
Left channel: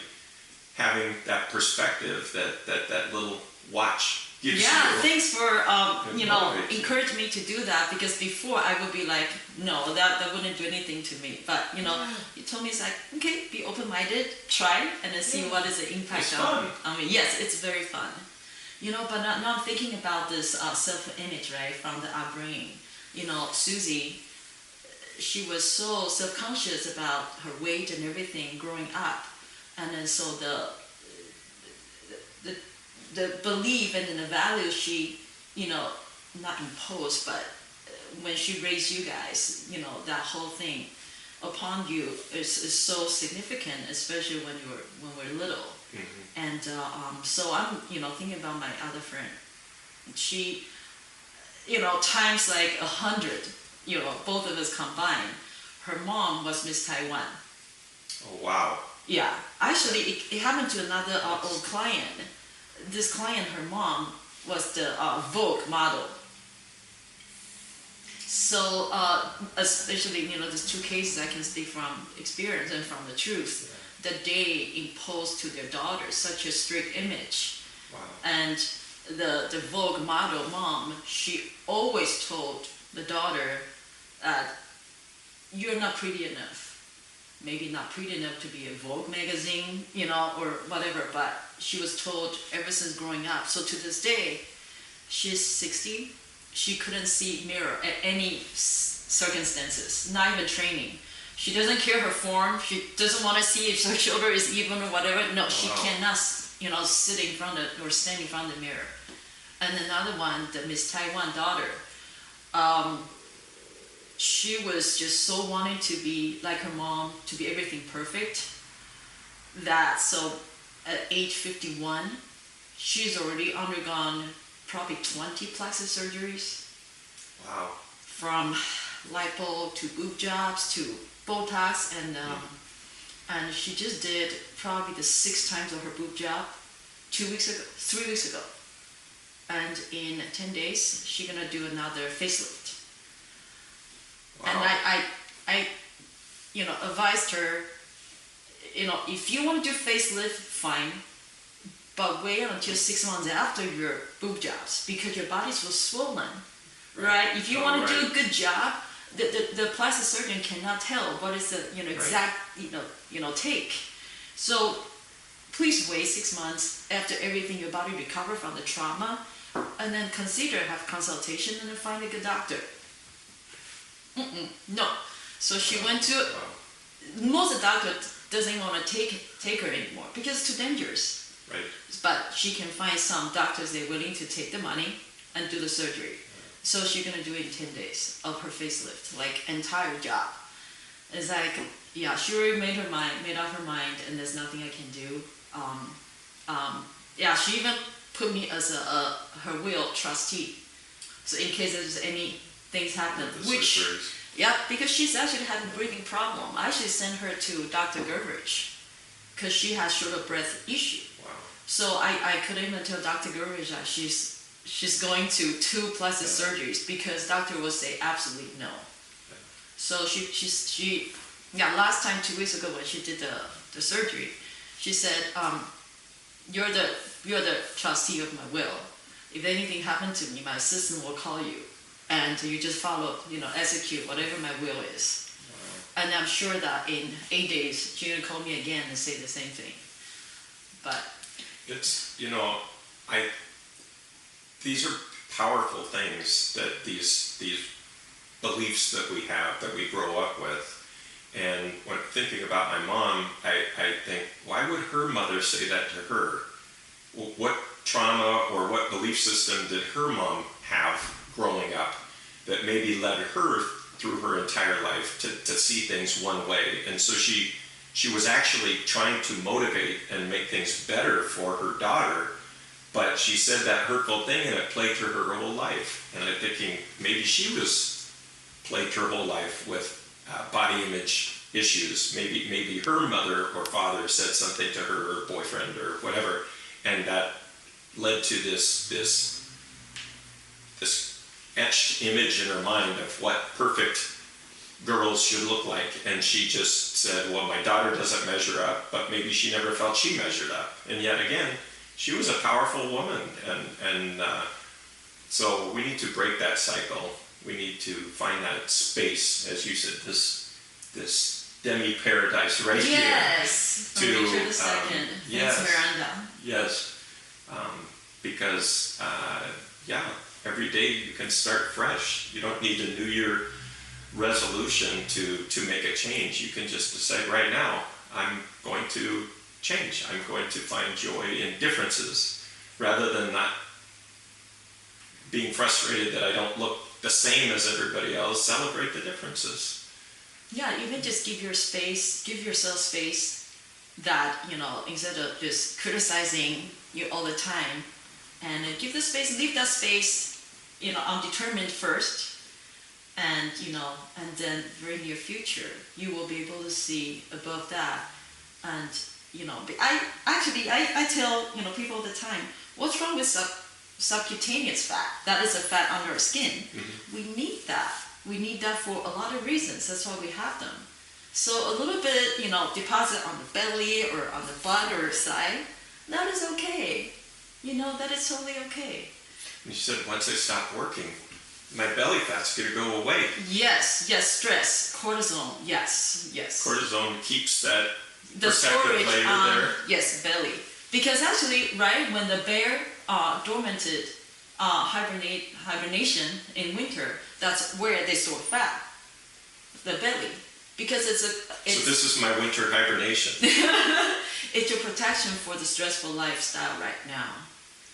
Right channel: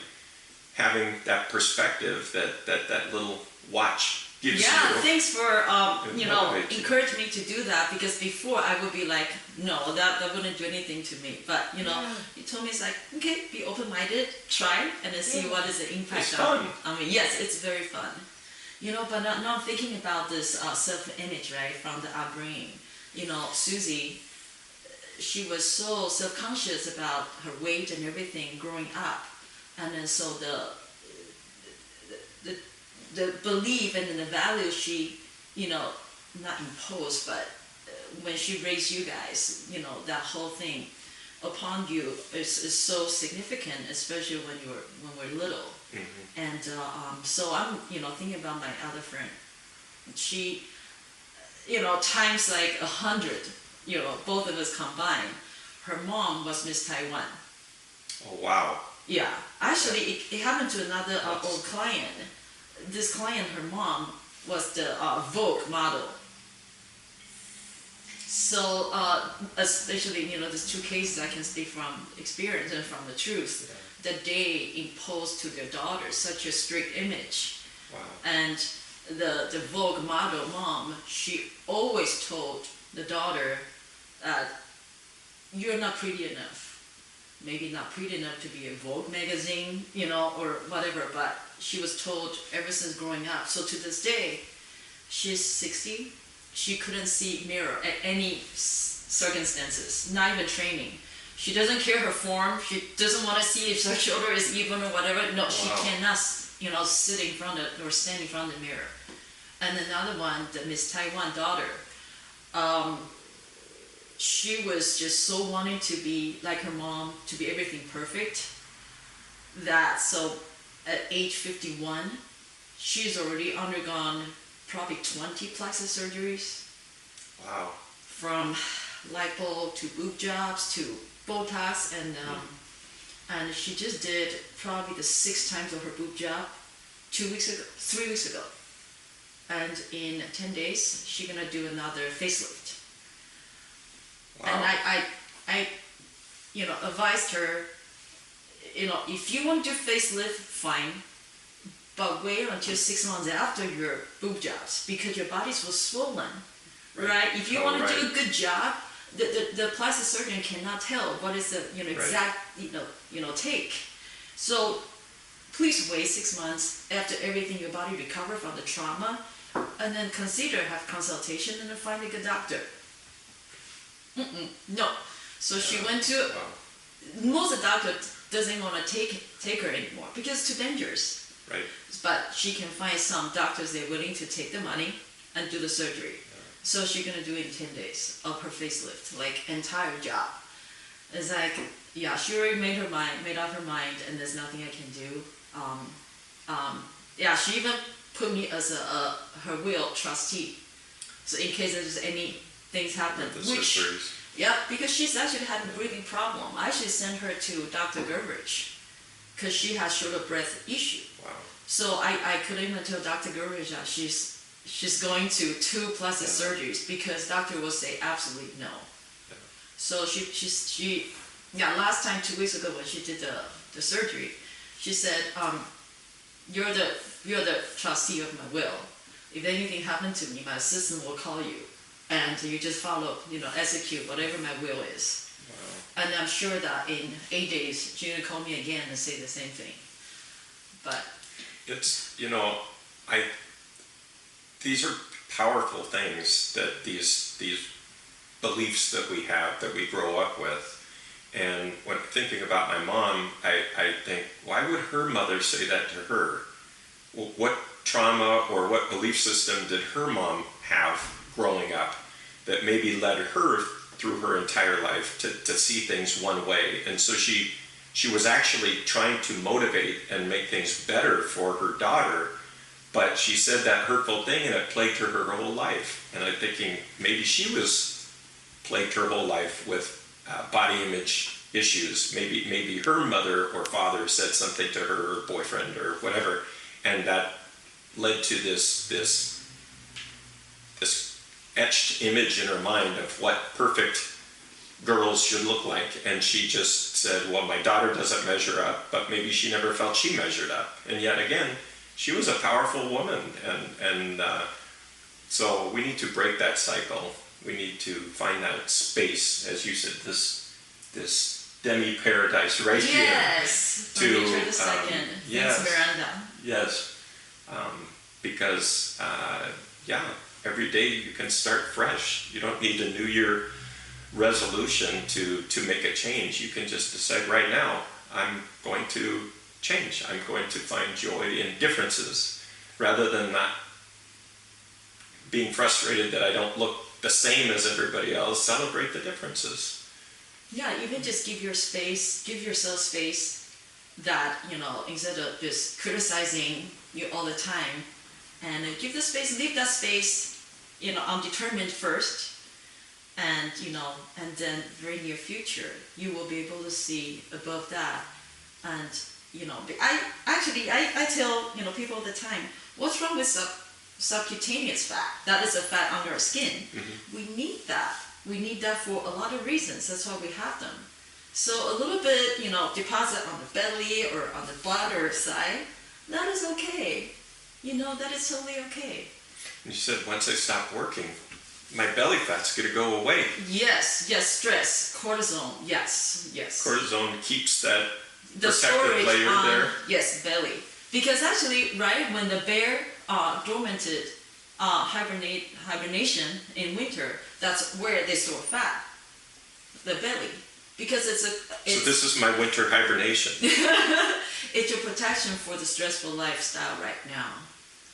having that perspective, that little watch gives Yeah, you. thanks for It motivates you. encouraging me to do that, because before I would be like, no, that wouldn't do anything to me. But you told me it's like, okay, be open-minded, try, and then see what is the impact It's fun. on me. Yes, it's very fun. But now I'm thinking about this self-image, right, from the upbringing. Susie, she was so self-conscious about her weight and everything growing up, and then so the belief and the value she, not imposed, but when she raised you guys, that whole thing upon you is so significant, especially when we're little. Mm-hmm. And so I'm, thinking about my other friend. She, times like 100, both of us combined. Her mom was Miss Taiwan. Oh, wow. Yeah, actually, it happened to another old client. This client, her mom, was the Vogue model. So, especially, these two cases I can speak from experience and from the truth, that they imposed to their daughters such a strict image. Wow. And the Vogue model mom, she always told the daughter that you're not pretty enough. Maybe not pretty enough to be a Vogue magazine, or whatever, but she was told ever since growing up. So to this day, she's 60. She couldn't see mirror at any circumstances, not even training. She doesn't care her form. She doesn't want to see if her shoulder is even or whatever. No, she cannot, sit in front of or stand in front of the mirror. And another one, the Miss Taiwan daughter, she was just so wanting to be like her mom, to be everything perfect, that so at age 51, she's already undergone probably 20 plastic surgeries. Wow. From lipo to boob jobs to Botox, and she just did probably the 6 times of her boob job 3 weeks ago. And in 10 days, she's gonna do another facelift. Wow. And I advised her, if you want to do facelift, fine, but wait until 6 months after your boob jobs, because your body's so swollen, right? If you want to do a good job, the plastic surgeon cannot tell what is the exact take. So please wait 6 months after everything your body recover from the trauma, and then consider have consultation and then find a good doctor. No. So she went to most of the doctor doesn't want to take her anymore because it's too dangerous. Right. But she can find some doctors they're willing to take the money and do the surgery. So she's gonna do it in 10 days of her facelift, like entire job. It's like, yeah, she already made up her mind, and there's nothing I can do. Yeah, she even put me as her will trustee. So in case there's any things happen, because she's actually had a breathing problem. I actually sent her to Dr. Gervich because she has shoulder breath issue. Wow. So I couldn't even tell Dr. Gervich that she's going to 2 plastic surgeries because doctor will say absolutely no. Yeah. So she last time 2 weeks ago when she did the surgery, she said, you're the trustee of my will. If anything happened to me, my assistant will call you, and you just follow, execute whatever my will is. Wow. And I'm sure that in 8 days she's gonna call me again and say the same thing. But it's these are powerful things, that these beliefs that we have, that we grow up with. And when thinking about my mom, I think, why would her mother say that to her? Well, what trauma or what belief system did her mom have growing up that maybe led her through her entire life to see things one way? And so she was actually trying to motivate and make things better for her daughter, but she said that hurtful thing and it plagued her whole life. And I'm thinking maybe she was plagued her whole life with body image issues. Maybe her mother or father said something to her, or boyfriend or whatever, and that led to this etched image in her mind of what perfect girls should look like. And she just said, well, my daughter doesn't measure up, but maybe she never felt she measured up. And yet again, she was a powerful woman, and so we need to break that cycle. We need to find that space, as you said, this demi-paradise right here. Yes, from Richard II. Yes, Thanks, Miranda. yes, because every day you can start fresh. You don't need a New Year resolution to make a change. You can just decide right now, I'm going to change. I'm going to find joy in differences, rather than not being frustrated that I don't look the same as everybody else. Celebrate the differences. Yeah, even just give yourself space that, instead of just criticizing you all the time, and give the space, leave that space, undetermined first, and, and then very near future, you will be able to see above that. And, I tell, people all the time, what's wrong with subcutaneous fat? That is a fat under our skin. Mm-hmm. We need that. We need that for a lot of reasons. That's why we have them. So a little bit, deposit on the belly or on the butt or side, that is okay. That is totally okay. You said once I stop working, my belly fat's going to go away. Yes, stress, cortisone, yes. Cortisone keeps that the protective storage layer on, there. Yes, belly. Because actually, right, when the bear dormanted hibernation in winter, that's where they store fat, the belly. Because it's so this is my winter hibernation. It's your protection for the stressful lifestyle right now.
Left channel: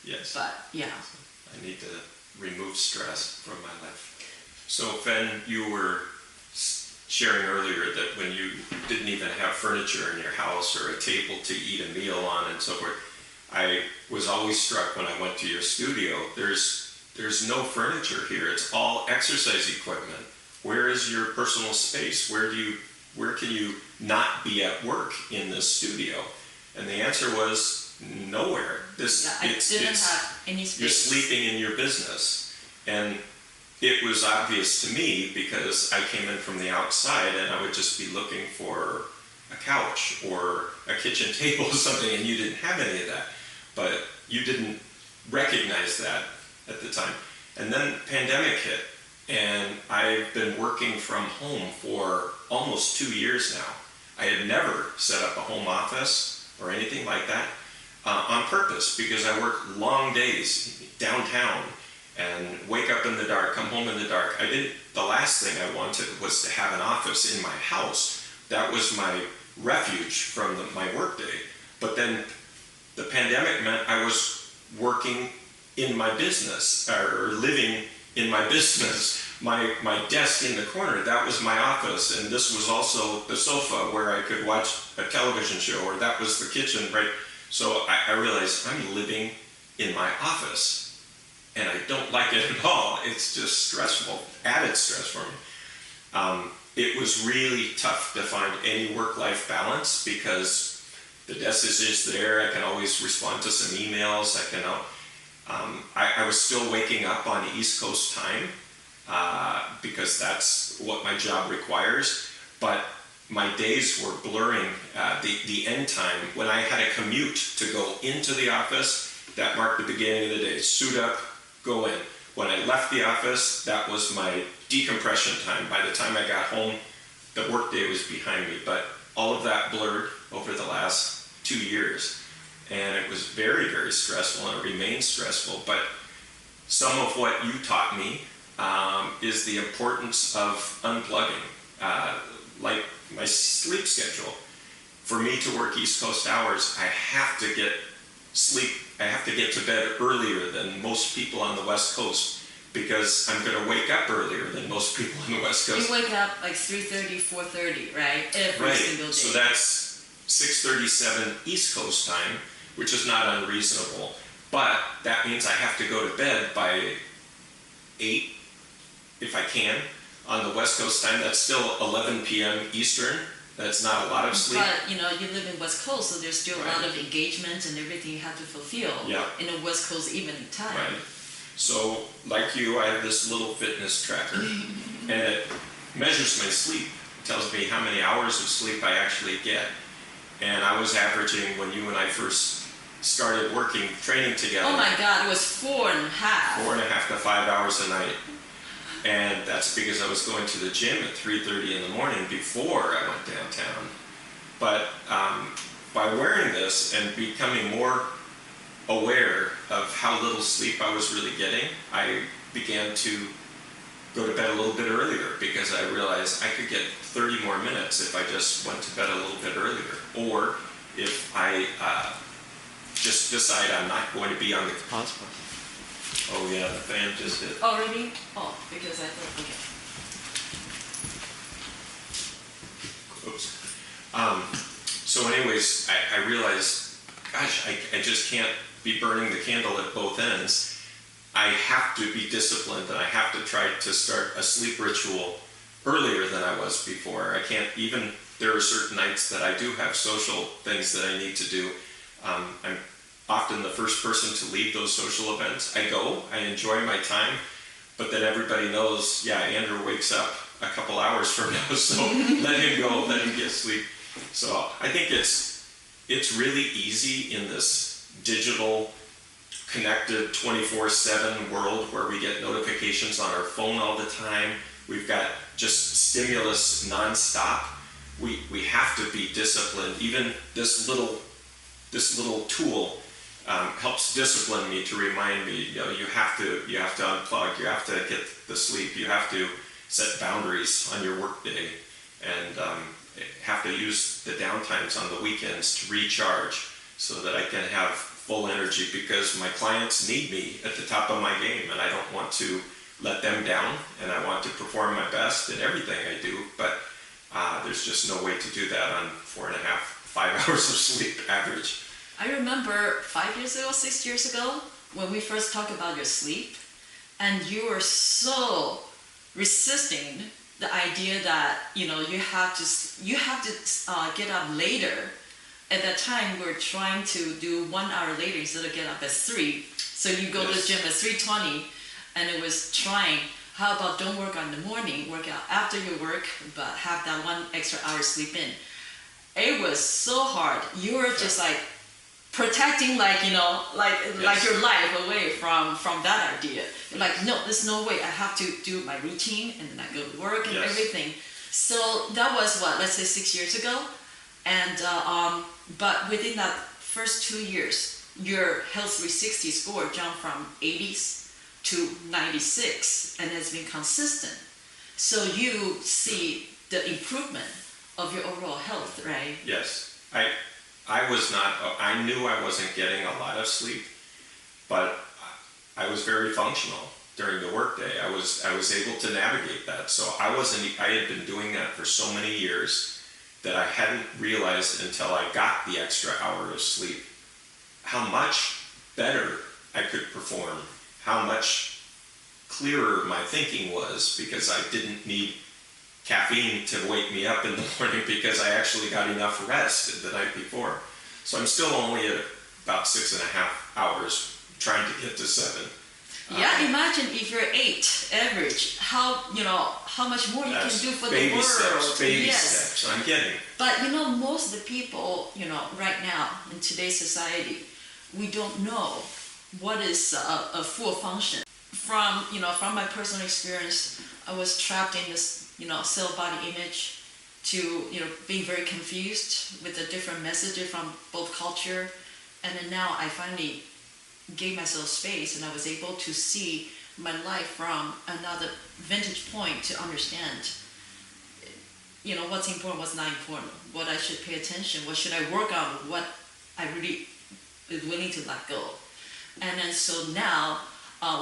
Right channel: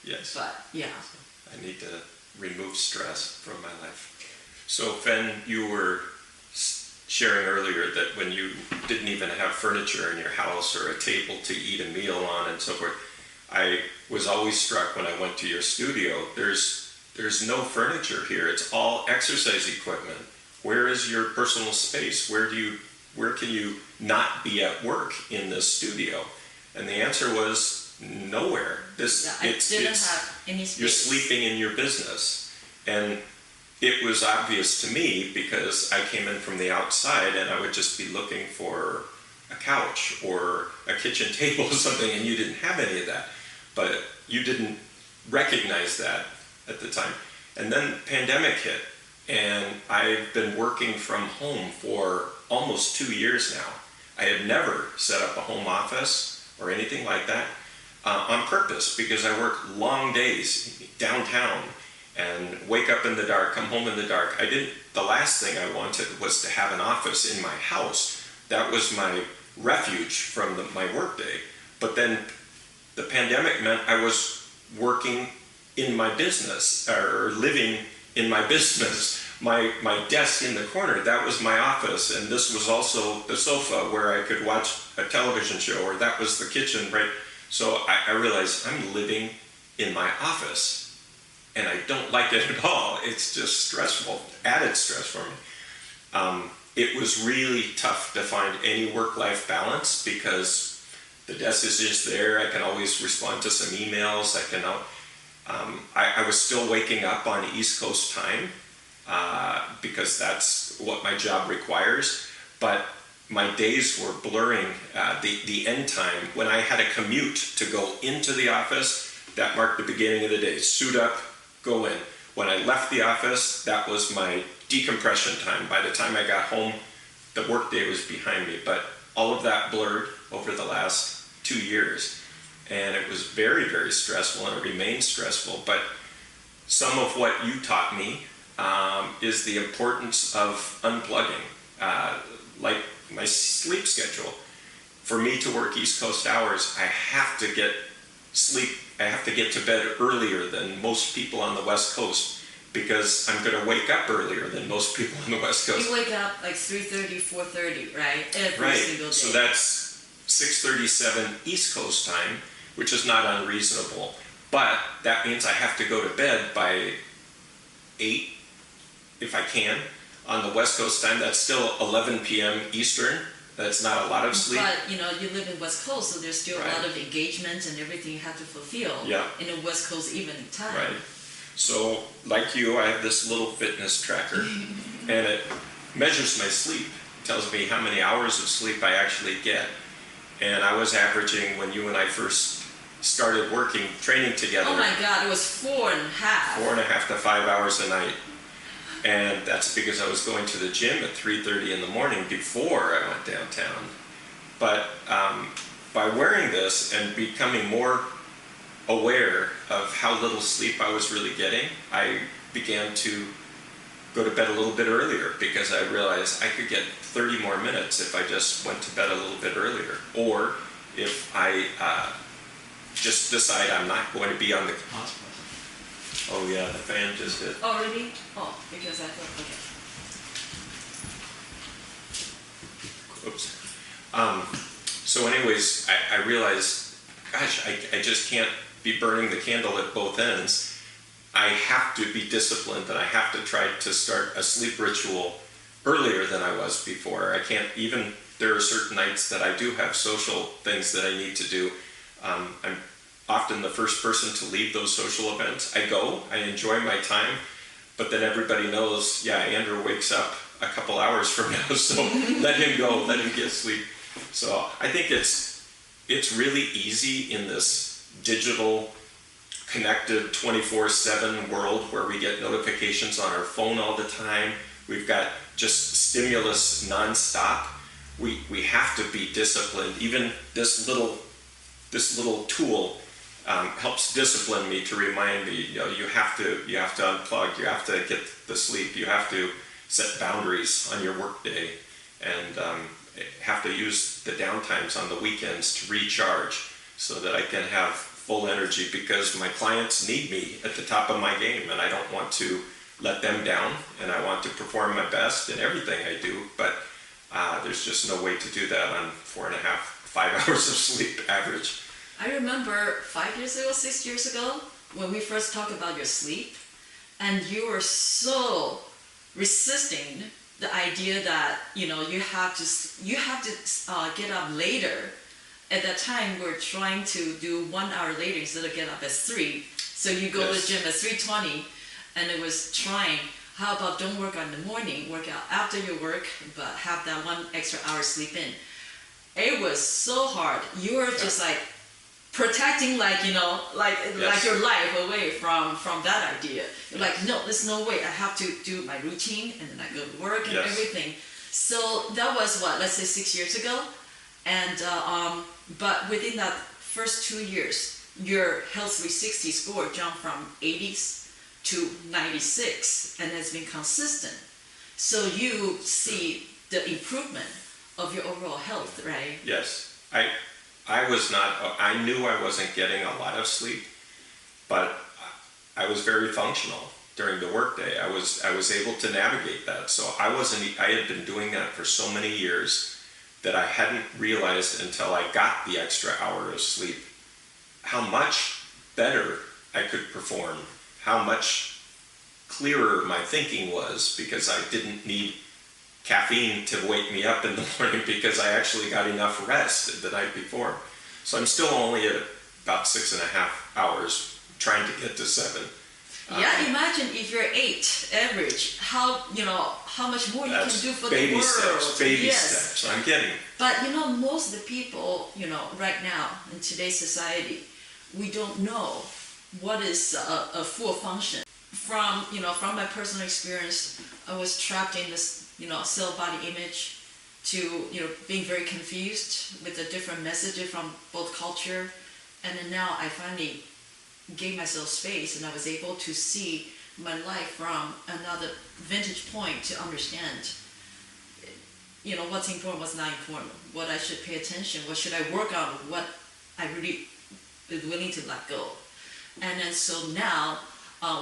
Yes. But, yeah. I need to remove stress from my life. So, Fen, you were sharing earlier that when you didn't even have furniture in your house or a table to eat a meal on and so forth, I was always struck when I went to your studio, there's no furniture here. It's all exercise equipment. Where is your personal space? Where can you not be at work in this studio? And the answer was nowhere. I didn't have any space. You're sleeping in your business. And it was obvious to me because I came in from the outside and I would just be looking for a couch or a kitchen table or something, and you didn't have any of that. But you didn't recognize that at the time. And then the pandemic hit, and I've been working from home for almost 2 years now. I had never set up a home office or anything like that on purpose, because I work long days downtown and wake up in the dark, come home in the dark. The last thing I wanted was to have an office in my house. That was my refuge from my workday. But then the pandemic meant I was working in my business, or living in my business. My desk in the corner, that was my office, and this was also the sofa where I could watch a television show, or that was the kitchen, right? So I realized I'm living in my office, and I don't like it at all. It's just stressful, added stress for me. It was really tough to find any work-life balance, because the desk is just there. I can always respond to some emails. I was still waking up on East Coast time, because that's what my job requires, but my days were blurring. The end time, when I had a commute to go into the office, that marked the beginning of the day. Suit up, go in. When I left the office, that was my decompression time. By the time I got home, the workday was behind me, but all of that blurred over the last 2 years. And it was very, very stressful, and it remains stressful. But some of what you taught me is the importance of unplugging, like my sleep schedule. For me to work East Coast hours, I have to get sleep. I have to get to bed earlier than most people on the West Coast, because I'm going to wake up earlier than most people on the West Coast. You wake up like 3:30, 4:30, right? Every single day. So that's 6:37 East Coast time, which is not unreasonable. But that means I have to go to bed by 8, if I can. On the West Coast time, that's still 11 p.m. Eastern. That's not a lot of sleep. But, you live in West Coast, so there's still a lot of engagements and everything you have to fulfill in a West Coast evening time. Right. So, like you, I have this little fitness tracker, and it measures my sleep. It tells me how many hours of sleep I actually get. And I was averaging, when you and I first started training together. Oh my God, it was 4.5. 4.5 to 5 hours a night. And that's because I was going to the gym at 3:30 in the morning before I went downtown. But by wearing this and becoming more aware of how little sleep I was really getting, I began to go to bed a little bit earlier because I realized I could get 30 more minutes if I just went to bed a little bit earlier. Or if I just decide I'm not going to be on the hotspot. Oh yeah, the fan just hit. Oh really? Oh, because I thought, okay. Oops. So anyways, I realized, gosh, I just can't be burning the candle at both ends. I have to be disciplined, and I have to try to start a sleep ritual earlier than I was before. I can't even, there are certain nights that I do have social things that I need to do. I'm often the first person to leave those social events. I go, I enjoy my time, but then everybody knows, yeah, Andrew wakes up a couple hours from now, so let him go, let him get sleep. So I think it's really easy in this digital, connected 24/7 world where we get notifications on our phone all the time. We've got just stimulus nonstop. We have to be disciplined. Even this little tool helps discipline me to remind me, you have to unplug, you have to get the sleep, you have to set boundaries on your work day, and have to use the downtimes on the weekends to recharge so that I can have full energy, because my clients need me at the top of my game, and I don't want to let them down, and I want to perform my best in everything I do, but there's just no way to do that on 4.5, 5 hours of sleep average. I remember 5 years ago, 6 years ago, when we first talked about your sleep, and you were so resisting the idea that you have to get up later. At that time, we were trying to do 1 hour later instead of get up at 3. So you go to the gym at 3:20, and it was trying. How about don't work out in the morning, work out after your work, but have that 1 extra hour sleep in. It was so hard. You were just like protecting, like your life away from that idea. You're like, no, there's no way. I have to do my routine, and then I go to work and everything. So that was what, let's say 6 years ago. And but within that first 2 years, your Health 360 score jumped from 80s to 96 and has been consistent. So you see the improvement of your overall health, right? Yes. I knew I wasn't getting a lot of sleep, but I was very functional during the workday. I was able to navigate that. So I had been doing that for so many years that I hadn't realized until I got the extra hour of sleep how much better I could perform, how much clearer my thinking was, because I didn't need caffeine to wake me up in the morning because I actually got enough rest the night before. So I'm still only at about 6.5 hours, trying to get to 7. Yeah, imagine if you're 8 average, how much more you can do for the world. Baby steps, I'm getting. But most of the people, right now in today's society, we don't know what is a full function. From my personal experience, I was trapped in this, cell body image, to being very confused with the different messages from both culture, and then now I finally gave myself space, and I was able to see my life from another vantage point to understand, what's important, what's not important, what I should pay attention, what should I work on, what I really is willing to let go. And then so now,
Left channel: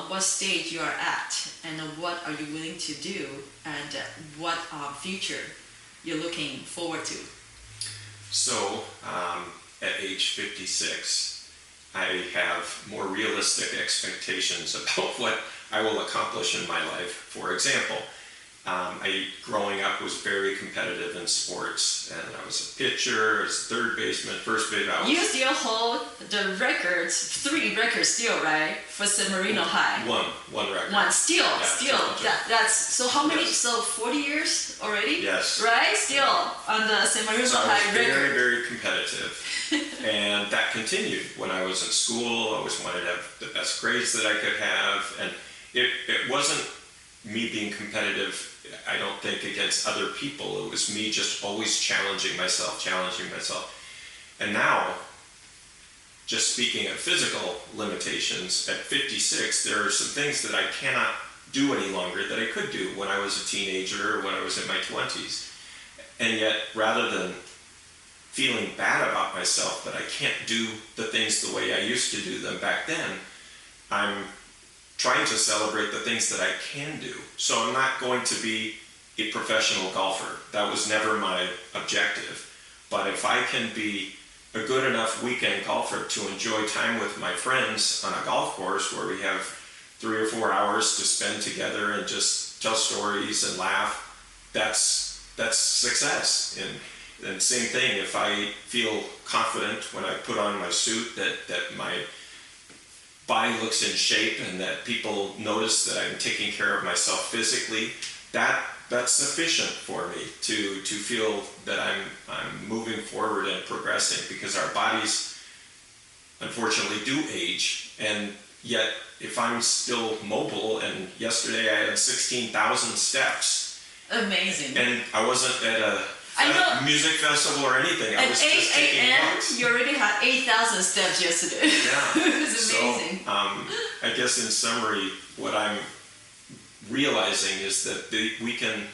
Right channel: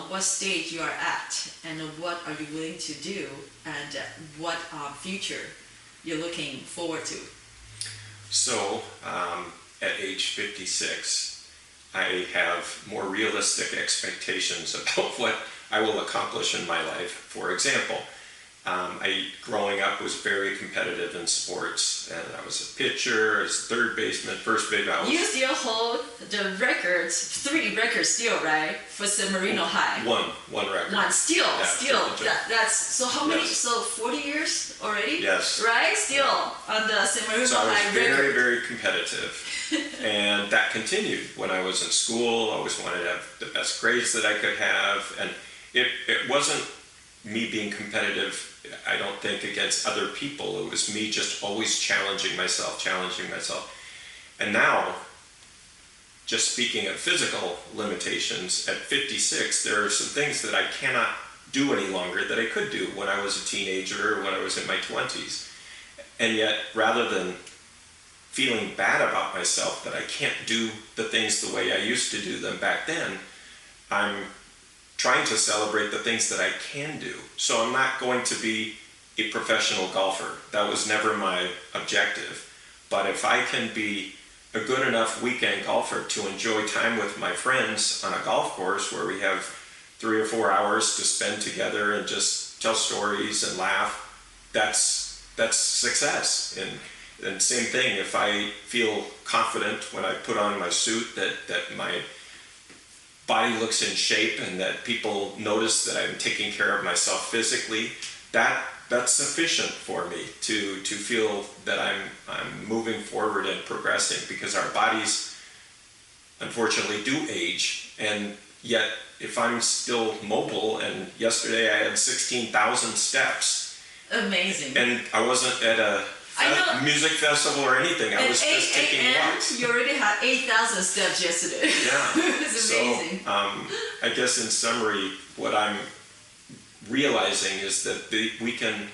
what stage you are at, and what are you willing to do, and what future you're looking forward to. So at age 56, I have more realistic expectations about what I will accomplish in my life. For example, growing up was very competitive in sports, and I was a pitcher, as third baseman, first baseman. You still hold the records, 3 records still, right? For San Marino High. One record. One, still, yeah, that's so how many, Yes. so 40 years already? Yes. Right? Still on the semi-river So I was high very, record. very competitive. And that continued when I was in school. I always wanted to have the best grades that I could have. And it wasn't me being competitive, I don't think, against other people. It was me just always challenging myself. And now, just speaking of physical limitations, at 56, there are some things that I cannot do any longer that I could do when I was a teenager or when I was in my 20s. And yet, rather than feeling bad about myself that I can't do the things the way I used to do them back then, I'm trying to celebrate the things that I can do. So I'm not going to be a professional golfer. That was never my objective. But if I can be a good enough weekend golfer to enjoy time with my friends on a golf course where we have 3 or 4 hours to spend together and just tell stories and laugh, that's success. And same thing, if I feel confident when I put on my suit that my body looks in shape and that people notice that I'm taking care of myself physically, that's sufficient for me to feel that I'm moving forward and progressing, because our bodies unfortunately do age. And yet if I'm still mobile, and yesterday I had 16,000 steps. Amazing. And I wasn't at a music festival or anything. I was just taking walks. You already had 8,000 steps yesterday. Yeah. It was amazing. So, I guess in summary, what I'm realizing is that we can,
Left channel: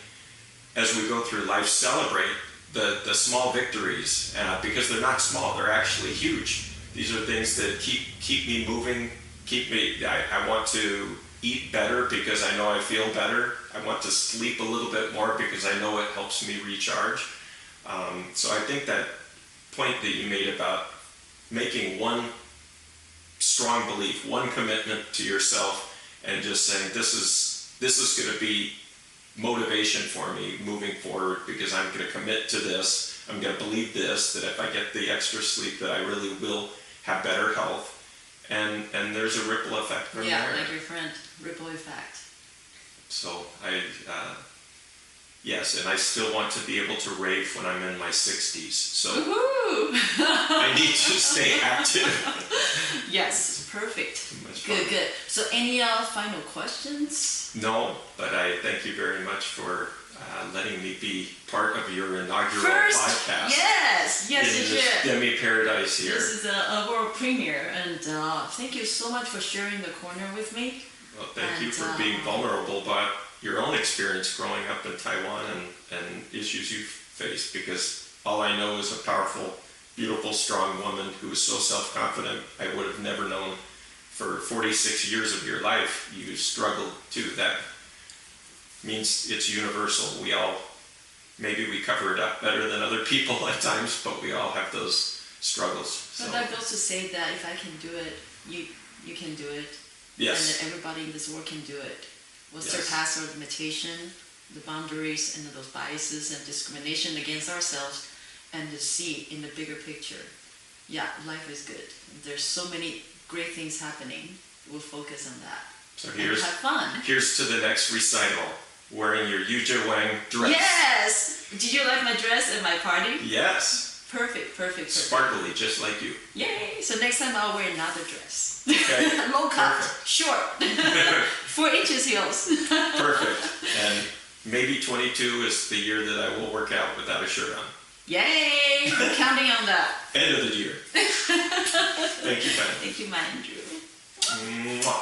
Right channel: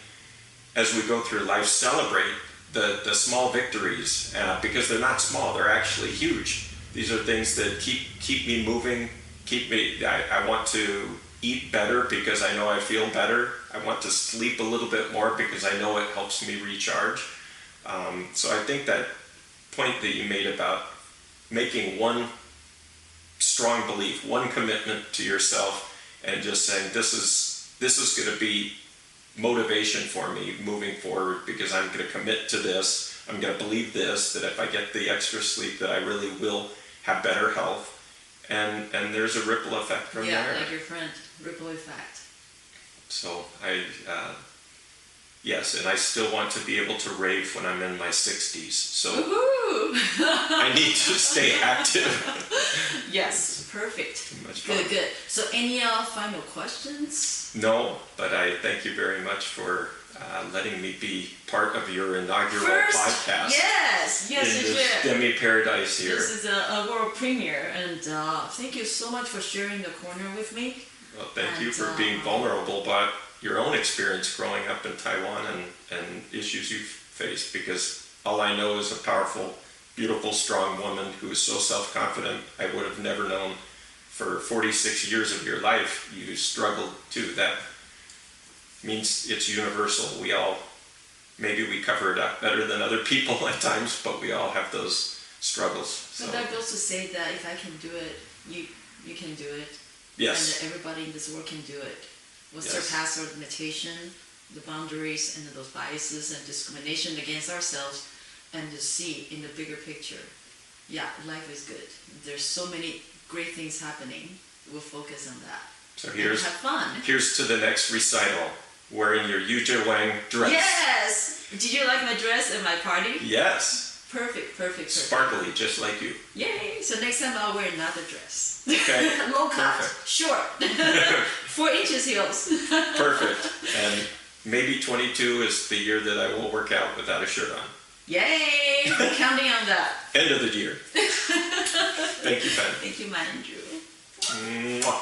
as we go through life, celebrate the small victories, because they're not small, they're actually huge. These are things that keep me moving, I want to eat better because I know I feel better. I want to sleep a little bit more because I know it helps me recharge. So I think that point that you made about making one strong belief, one commitment to yourself, and just saying this is going to be motivation for me moving forward, because I'm going to commit to this. I'm going to believe this, that if I get the extra sleep that I really will have better health. And there's a ripple effect from there. Yeah, like your friend, ripple effect. So yes, and I still want to be able to rave when I'm in my 60s. So I need to stay active. Yes, perfect. Too much fun. Good. So any final questions? No, but I thank you very much for letting me be part of your inaugural podcast. Yes, in this Demi Paradise here. This is a world premiere, and thank you so much for sharing the corner with me. Well, thank you for being vulnerable about your own experience growing up in Taiwan and issues you've faced, because all I know is a powerful, beautiful, strong woman who is so self-confident. I would have never known for 46 years of your life you struggled too. That means it's universal. Maybe we cover it up better than other people at times, but we all have those struggles. So that goes to say that if I can do it, you can do it. Yes. And that everybody in this world can do it. We'll surpass our limitation, the boundaries, and those biases and discrimination against ourselves, and to see in the bigger picture. Yeah, life is good. There's so many great things happening. We'll focus on that. So have fun. Here's to the next recital, wearing your Yuja Wang dress. Yes! Did you like my dress at my party? Yes. Perfect. Sparkly, just like you. Yay! So next time I'll wear another dress. Okay. Low cut, Perfect. short, 4 inches heels. Perfect. And maybe 22 is the year that I will work out without a shirt on. Yay! We're counting on that. End of the year. Thank you, Fen. Thank you, my Andrew. Mwah.